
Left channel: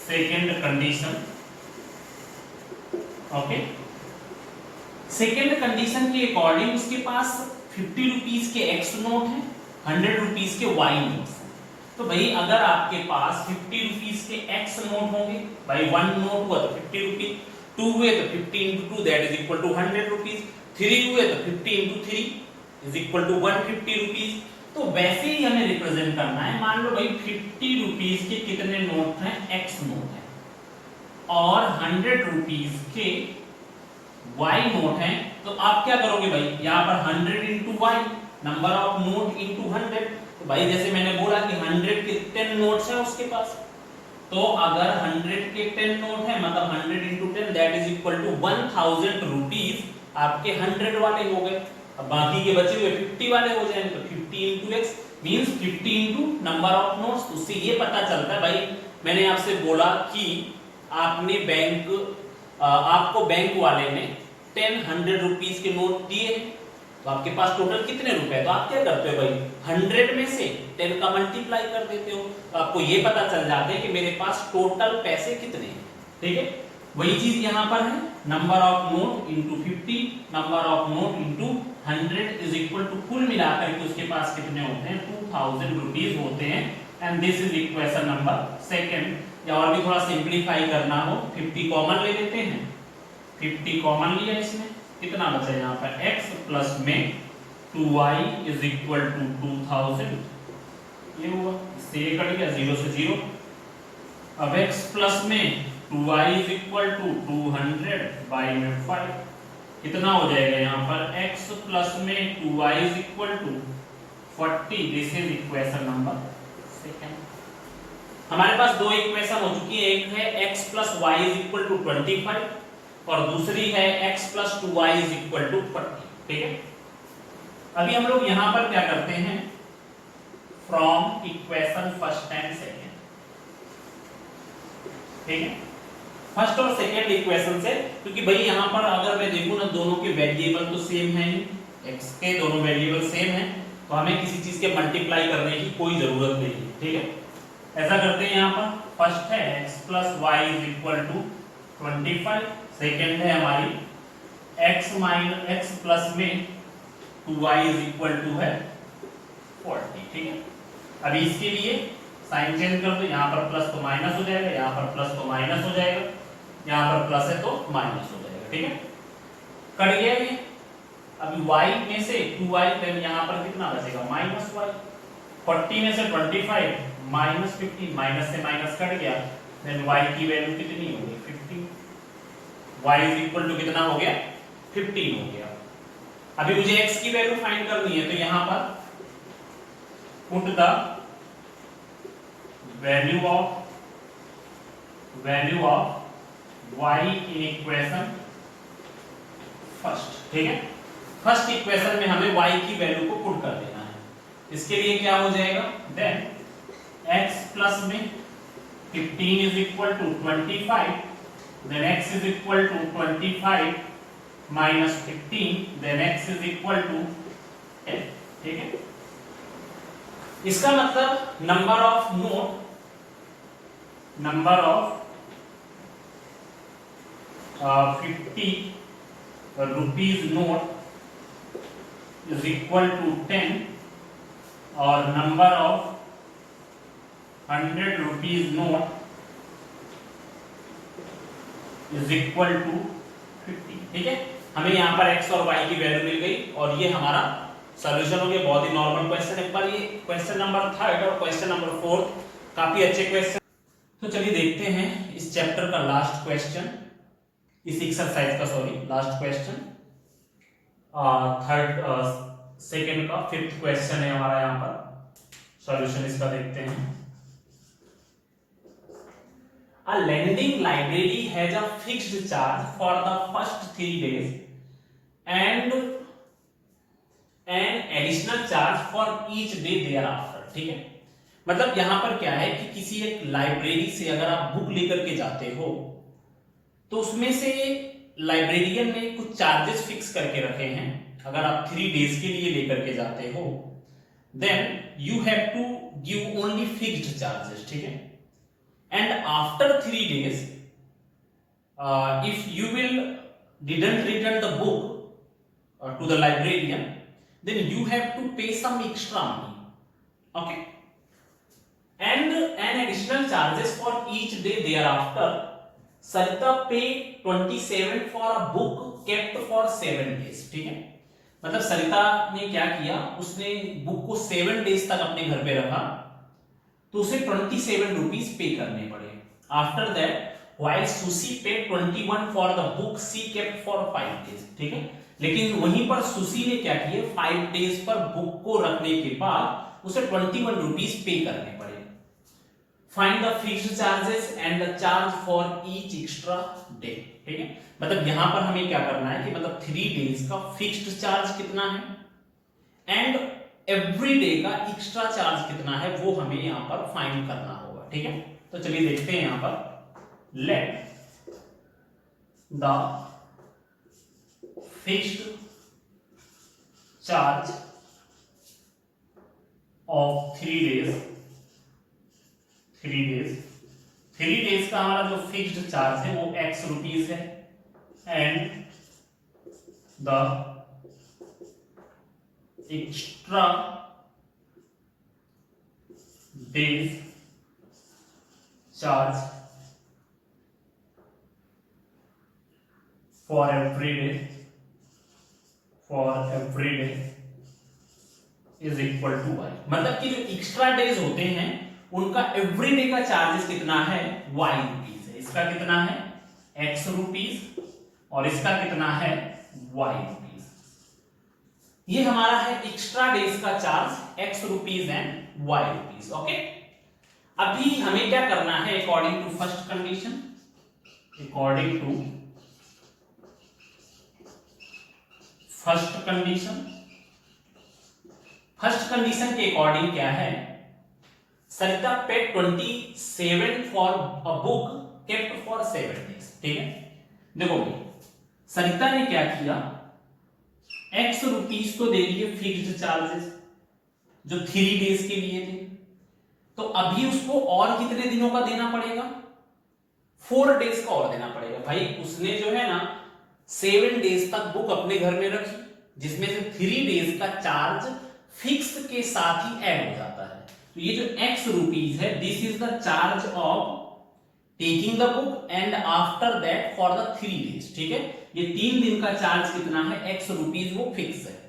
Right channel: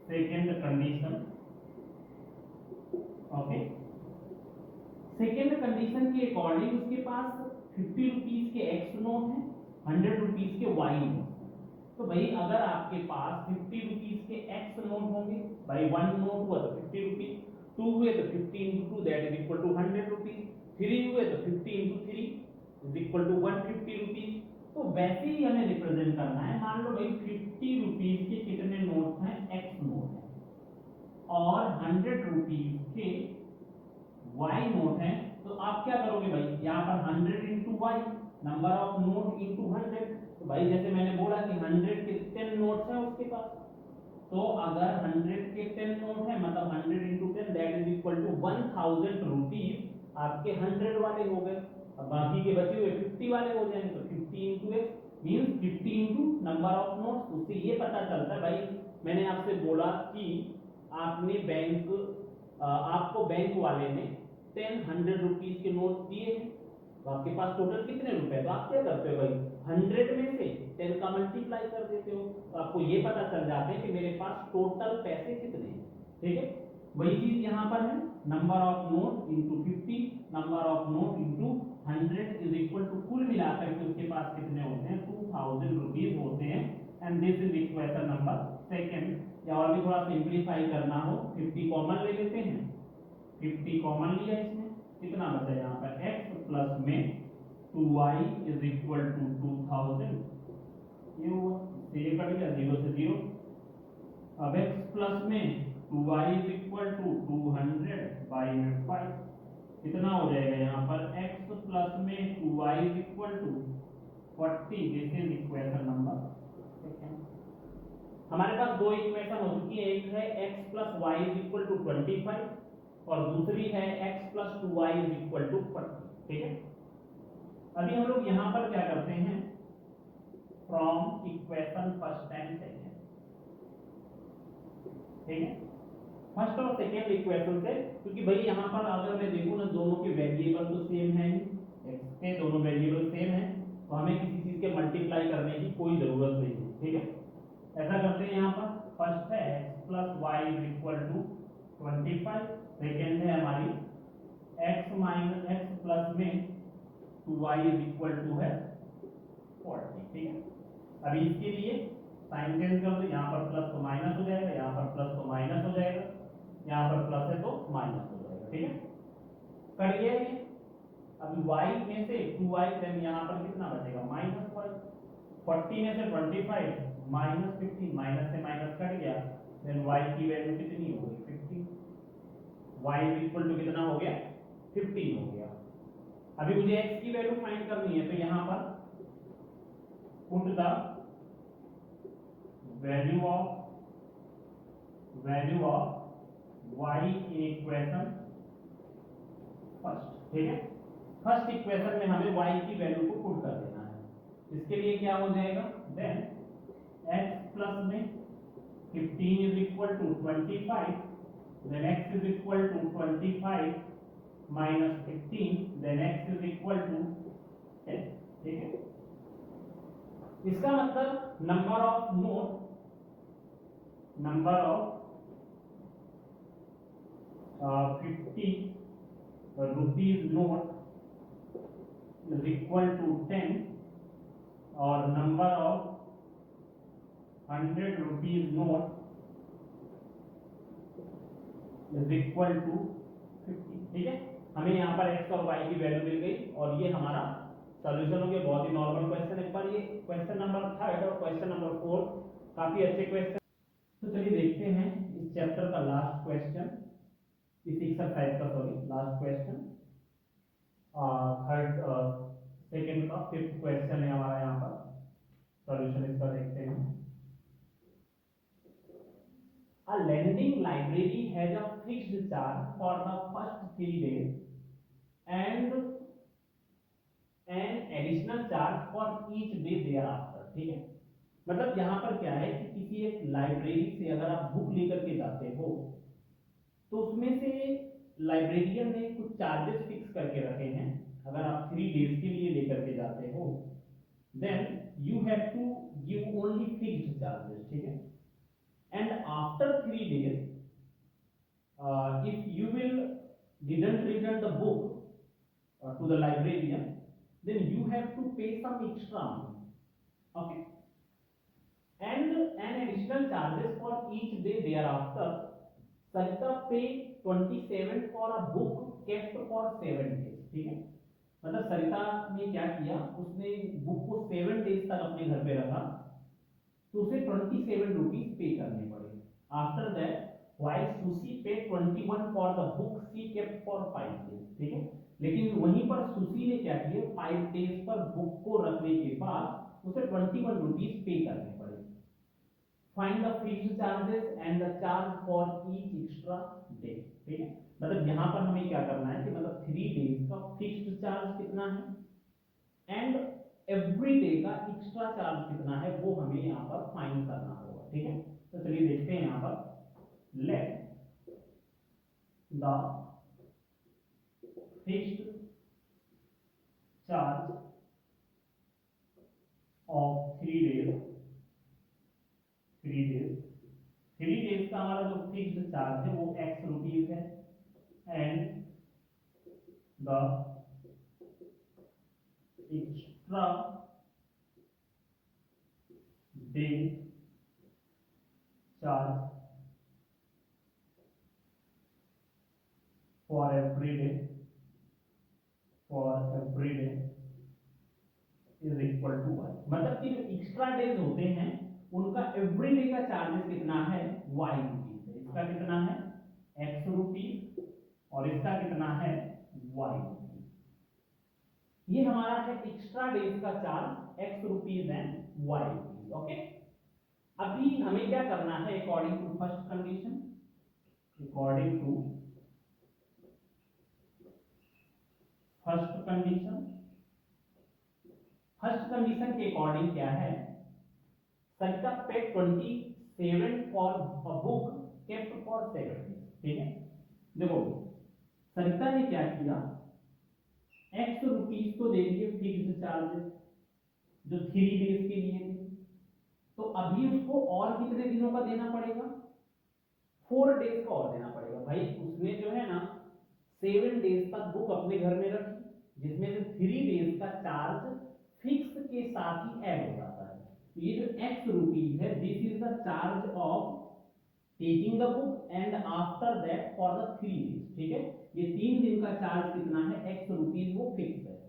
second condition. Okay, second condition के अकॉर्डिंग उसके पास 50 रुपीज के एक्स नोट हैं, 100 रुपीज के वाई नोट्स हैं। तो भाई अगर आपके पास 50 रुपीज के एक्स नोट होंगे, भाई 1 नोट हुआ तो 50 रुपीज, 2 हुए तो 50 into 2 that is equal to 100 rupees, 3 हुए तो 50 into 3 is equal to 150 rupees. तो वैसे ही हमें रिप्रेजेंट करना है। मान लो भाई 50 रुपीज के कितने नोट हैं? एक्स नोट है, और 100 रुपीज के वाई नोट हैं। तो आप क्या करोगे भाई, यहाँ पर 100 into y, number of note into 100। तो भाई जैसे मैंने बोला कि 100 के 10 नोट्स हैं उसके पास, तो अगर 100 के 10 नोट है मतलब 100 into 10 that is equal to 1000 rupees आपके 100 वाले हो गए। अब बाकी के बचे हुए 50 वाले हो जाएंगे, तो 50 into x means 50 into number of notes. उससे ये पता चलता है भाई, मैंने आपसे बोला कि आपने आपको बैंक वाले ने 100 रुपीज के नोट दिए, तो आपके पास टोटल कितने रुपए? तो आप क्या करते हो भाई, 100 में से 10 का मल्टीप्लाई कर देते हो, तो आपको ये पता चल जाता है कि मेरे पास टोटल पैसे कितने हैं। ठीक है, वही चीज यहाँ पर है, number of note into 50, number of note into 100 is equal to कुल मिलाकर के उसके पास कितने होते हैं? 2000 रुपीज होते हैं। And this is equation number second. या और भी थोड़ा सिंपलीफाई करना हो, 50 कॉमन ले लेते हैं, 50 कॉमन लिया इसमें, कितना बचा यहाँ पर? x प्लस में 2y इज इक्वल टू 2000, ये हुआ, इससे ये कट गया, 0 से 0। अब x प्लस में 2y is equal to 200 by में 5, कितना हो जाएगा यहाँ पर? x प्लस में 2y is equal to 40। This is equation number second. हमारे पास दो इक्वेशन हो चुकी है, एक है x plus y is equal to 25 और दूसरी है x plus 2y is equal to 40। ठीक है, अभी हम लोग यहां पर क्या करते हैं, from equation first and second. ठीक है, फर्स्ट और सेकेंड इक्वेशन से, क्योंकि भाई यहां पर अगर मैं देखूं ना, दोनों के वेरिएबल तो सेम है, x के दोनों वेरिएबल सेम है, तो हमें किसी चीज के मल्टीप्लाई करने की कोई जरूरत नहीं है। ठीक है, ऐसा करते हैं, यहाँ पर फर्स्ट है x plus y is equal to 25, second है हमारी x माइनस x प्लस में 2y इज इक्वल टू है 40। ठीक है, अभी इसके लिए साइन चेंज कर दो, यहाँ पर प्लस तो माइनस हो जाएगा, यहाँ पर प्लस तो माइनस हो जाएगा, यहाँ पर प्लस है तो माइनस हो जाएगा। ठीक है, कट गया ये। अभी y में से 2y, देन यहाँ पर कितना बचेगा? Minus y। 40 में से 25 माइनस 50, माइनस से माइनस कट गया, देन y की वैल्यू कितनी हो गई? 15। y इज इक्वल टू कितना हो गया? 15 हो गया। अभी मुझे x की वैल्यू फाइंड करनी है, तो यहां पर put the value of y in equation first. ठीक है, फर्स्ट इक्वेशन में हमें y की वैल्यू को पुट कर देना है। इसके लिए क्या हो जाएगा? देन x प्लस में 15 is equal to 25, then x is equal to 25 minus 15, then x is equal to 10। ठीक है, इसका मतलब number of note, number of 50 rupees note is equal to 10 और number of 100 rupees note is equal to 50। ठीक है, हमें यहाँ पर x और y की वैल्यू मिल गई और ये हमारा सॉल्यूशन हो गया, बहुत ही नॉर्मल क्वेश्चन है, पर ये क्वेश्चन नंबर 3 और क्वेश्चन नंबर 4 काफी अच्छे क्वेश्चन। तो चलिए देखते हैं इस चैप्टर का लास्ट क्वेश्चन, इस एक्सरसाइज का, सॉरी लास्ट क्वेश्चन, सेकंड का 5th क्वेश्चन है हमारा यहाँ पर। सॉल्यूशन इसका देखते हैं। A lending library has a fixed charge for the first 3 days and an additional charge for each day thereafter। ठीक है, मतलब यहां पर क्या है कि किसी एक लाइब्रेरी से अगर आप बुक लेकर के जाते हो तो उसमें से लाइब्रेरियन ने कुछ चार्जेस फिक्स करके रखे हैं। अगर आप 3 डेज के लिए लेकर के जाते हो then you have to give only fixed charges. ठीक है, and after 3 days if you will didn't return the book to the librarian then you have to pay some extra money, okay, and an additional charges for each day thereafter। Sarita pay 27 for a book kept for 7 days। ठीक है, मतलब सरिता ने क्या किया, उसने बुक को 7 डेज तक अपने घर पे रखा तो उसे 27 रुपीज पे करने पड़े। After that while Susy pay 21 for the book she kept for 5 days. ठीक है, लेकिन वहीं पर सुशी ने क्या किया, 5 डेज पर बुक को रखने के बाद उसे 21 रुपीज पे करने पड़े। Find the fixed charges and the charge for each extra day. ठीक है, मतलब यहां पर हमें क्या करना है कि मतलब 3 डेज का फिक्स्ड चार्ज कितना है एंड एवरी डे का एक्स्ट्रा चार्ज कितना है वो हमें यहां पर फाइंड करना होगा। ठीक है, तो चलिए देखते हैं यहां पर। Let the fixed charge of 3 days, 3 days का हमारा जो फिक्स्ड चार्ज है वो x रुपीज है and the extra days charge for every day is equal to y। मतलब कि जो एक्स्ट्रा डेज होते हैं उनका एवरी डे का चार्जेस कितना है, y रुपीज है। इसका कितना है, x रुपीज, और इसका कितना है, y रुपीज। ये हमारा है एक्स्ट्रा डेज का charge, x rupees and y rupees. Okay, अभी हमें क्या करना है, according to first condition, first condition के अकॉर्डिंग क्या है, Sarita paid 27 for a book kept for 7 days. ठीक है, देखो सरिता ने क्या किया, x रुपीज तो दे दिए फिक्स्ड चार्जेस जो 3 डेज के लिए थे, तो अभी उसको और कितने दिनों का देना पड़ेगा, 4 डेज का और देना पड़ेगा। भाई उसने जो है ना 7 डेज तक बुक अपने घर में रखी, जिसमें से 3 डेज का चार्ज फिक्स के साथ ही ऐड हो जाता है। तो ये जो x रुपीज है, this is the charge of taking the book and after that for the 3 days. ठीक है, ये 3 दिन का चार्ज कितना है, x रुपीज, वो फिक्स है।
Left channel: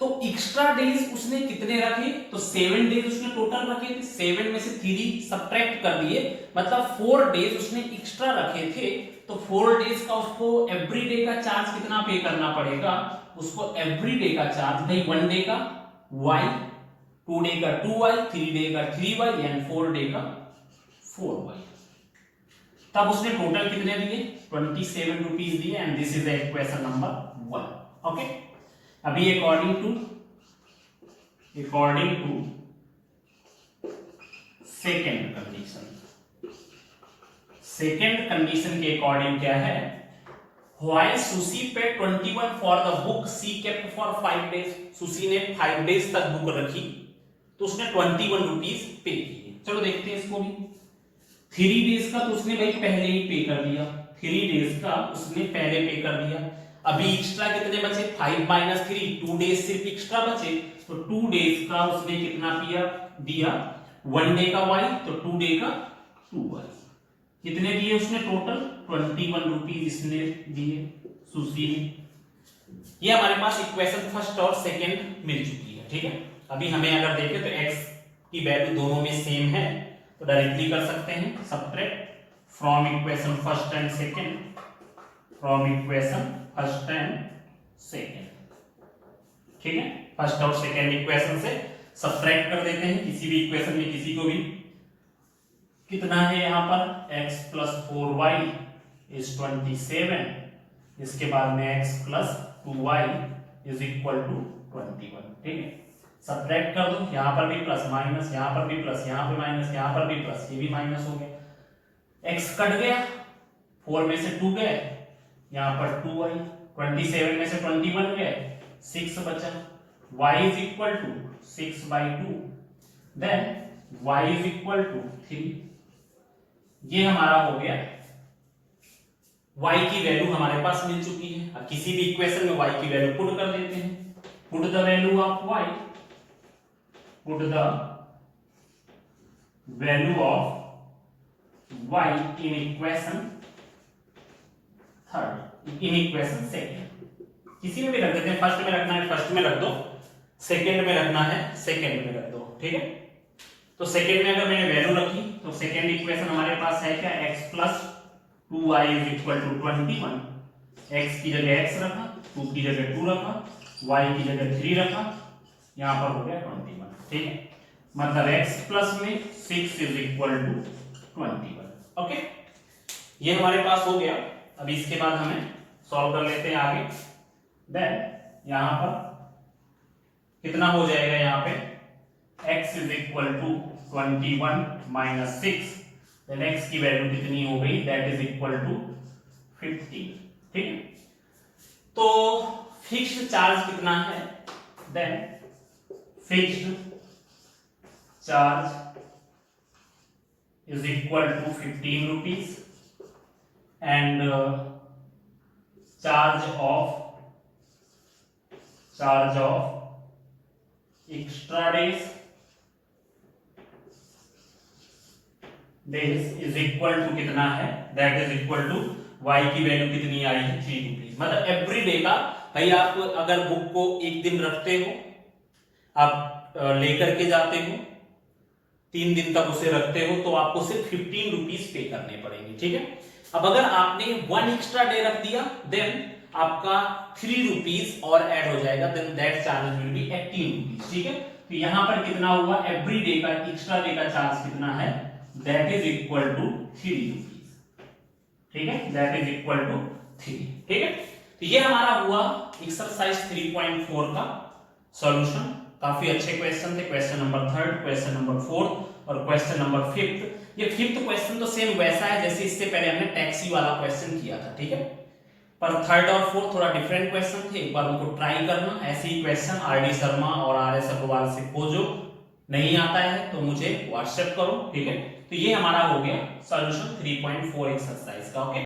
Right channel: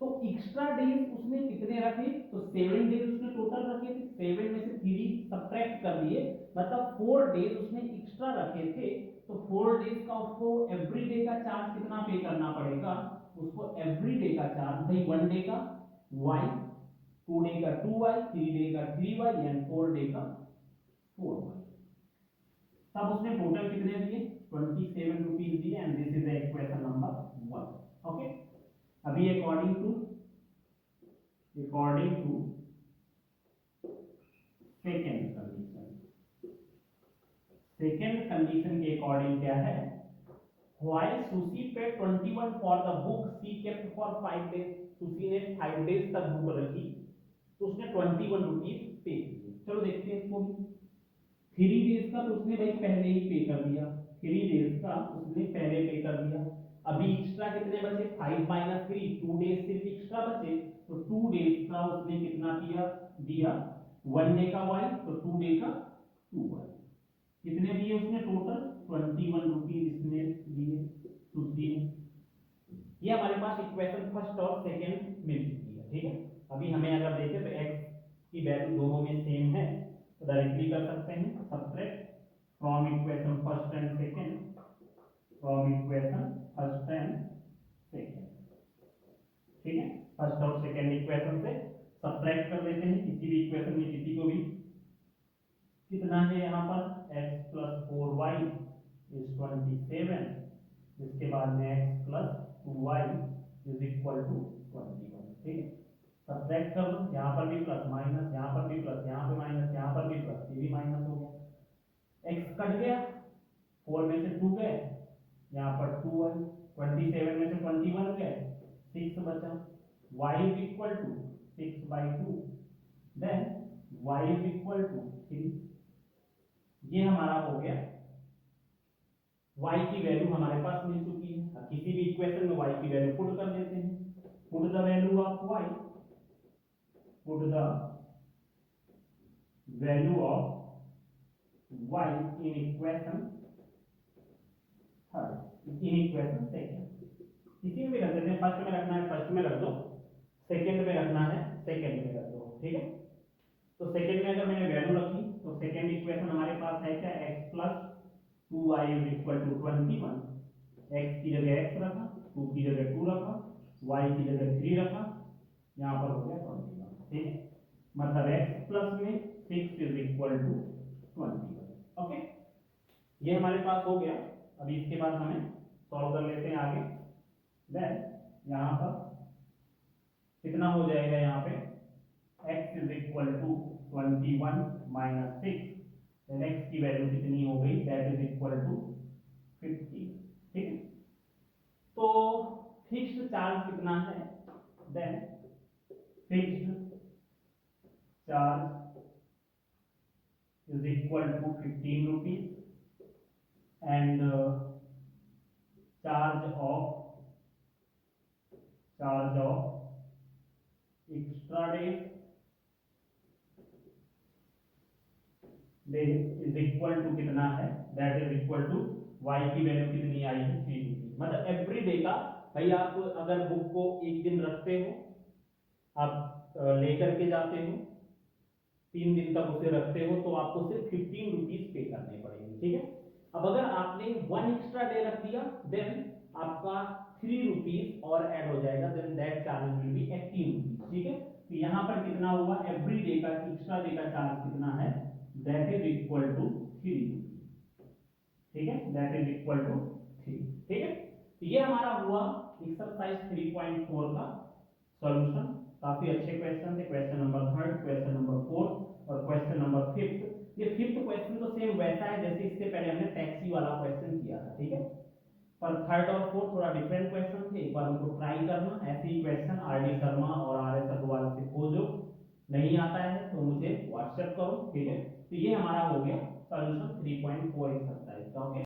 तो एक्स्ट्रा डेज उसने कितने रखे, तो 7 डेज उसने टोटल रखे थे, 7 में से 3 सब्ट्रैक्ट कर दिए, मतलब 4 डेज उसने एक्स्ट्रा रखे थे। तो 4 डेज का उसको एवरी डे का चार्ज कितना पे करना पड़ेगा, उसको एवरी डे का चार्ज, भाई 1 डे का y, 2 डे का 2y, 3 डे का 3y एंड 4 डे का 4y। तब उसने टोटल कितने दिए, 27 रुपीज दिए and this is the equation number 1। Okay, अभी अकॉर्डिंग टू सेकेंड कंडीशन के अकॉर्डिंग क्या है, while Susy pay 21 for the book she kept for 5 days. Susy ने 5 डेज तक बुक रखी तो उसने 21 रुपीज पे किए। चलो देखते हैं इसको भी। 3 डेज का तो उसने भाई पहले ही पे कर दिया, 3 डेज का उसने पहले पे कर दिया। अभी एक्स्ट्रा कितने बचे, 5 माइनस 3, 2 डेज सिर्फ एक्स्ट्रा बचे, तो 2 डेज का उसने कितना दिया, 1 डे का y, तो 2 डे का 2y। कितने दिए उसने टोटल, 21 रुपीज इसने दिए सुशी ने। ये हमारे पास इक्वेशन फर्स्ट और सेकंड मिल चुकी है, ठीक है। अभी हमें अगर देखें तो x की वैल्यू दोनों में सेम है, तो डायरेक्टली कर सकते हैं subtract from equation first and second, from equation first and second, ठीक है। फर्स्ट और सेकंड इक्वेशन से सब्ट्रैक्ट कर देते हैं किसी भी इक्वेशन में, किसी को भी। कितना है यहाँ पर x + 4y = 27, इसके बाद में x + 2y = 21, ठीक है। सब्ट्रैक्ट कर दो, यहाँ पर भी प्लस माइनस, यहाँ पर भी प्लस, यहाँ पे माइनस, यहाँ पर भी प्लस, ये भी माइनस हो गया। x कट गया, 4 में से 2 गए, यहाँ पर 2y, 27 में से 21 गए, 6 बचा, y = 6/2, देन y = 3। ये हमारा हो गया, y की वैल्यू हमारे पास मिल चुकी है। अब किसी भी इक्वेशन में y की वैल्यू पुट कर देते हैं। Put the value of y, put the value of y in equation third, in equation second. किसी में भी रख देते हैं, फर्स्ट में रखना है फर्स्ट में रख दो, सेकंड में रखना है सेकंड में रख दो, ठीक है। तो सेकंड में अगर मैंने वैल्यू रखी तो सेकंड इक्वेशन हमारे पास है क्या, x + 2y = 21, x की जगह x रखा, 2 की जगह 2 रखा, y की जगह 3 रखा, यहाँ पर हो गया 21, ठीक है। मतलब x प्लस में 6 = 21, ओके। ये हमारे पास हो गया। अब इसके बाद हमें सॉल्व कर लेते हैं आगे। देन यहाँ पर कितना हो जाएगा, यहाँ पे x = 21 - 6, देन x की वैल्यू कितनी हो गई, दैट इज इक्वल टू 15, ठीक है। तो फिक्स्ड चार्ज कितना है, then fixed charge is equal to 15 rupees and charge of extra days is equal to कितना है, that is equal to y की वैल्यू कितनी आई है, 3 रुपीज। मतलब एवरी डे का, भाई आप अगर बुक को एक दिन रखते हो, आप लेकर के जाते हो, 3 दिन तक उसे रखते हो, तो आपको सिर्फ 15 रुपीज पे करने पड़ेंगे, ठीक है। अब अगर आपने 1 एक्स्ट्रा डे रख दिया, देन आपका 3 रुपीज और ऐड हो जाएगा, then that charge will be 18 rupees, ठीक है। तो यहां पर कितना हुआ, एवरी डे का एक्स्ट्रा डे का चार्ज कितना है, that is equal to 3 rupees, ठीक है। दैट इज इक्वल टू 3, ठीक है। तो ये हमारा हुआ एक्सरसाइज 3.4 का सॉल्यूशन। काफी अच्छे क्वेश्चन थे, क्वेश्चन नंबर 3, क्वेश्चन नंबर 4 और क्वेश्चन नंबर 5। ये 5th क्वेश्चन तो सेम वैसा है जैसे इससे पहले हमने टैक्सी वाला क्वेश्चन किया था, ठीक है। पर 3rd और 4th थोड़ा डिफरेंट क्वेश्चन थे, एक बार उनको ट्राई करना। ऐसे ही क्वेश्चन आर डी शर्मा और आर एस अग्रवाल से खोजो, नहीं आता है तो मुझे व्हाट्सएप करो, ठीक है। तो ये हमारा हो गया सॉल्यूशन 3.4 एक्सरसाइज का, ओके।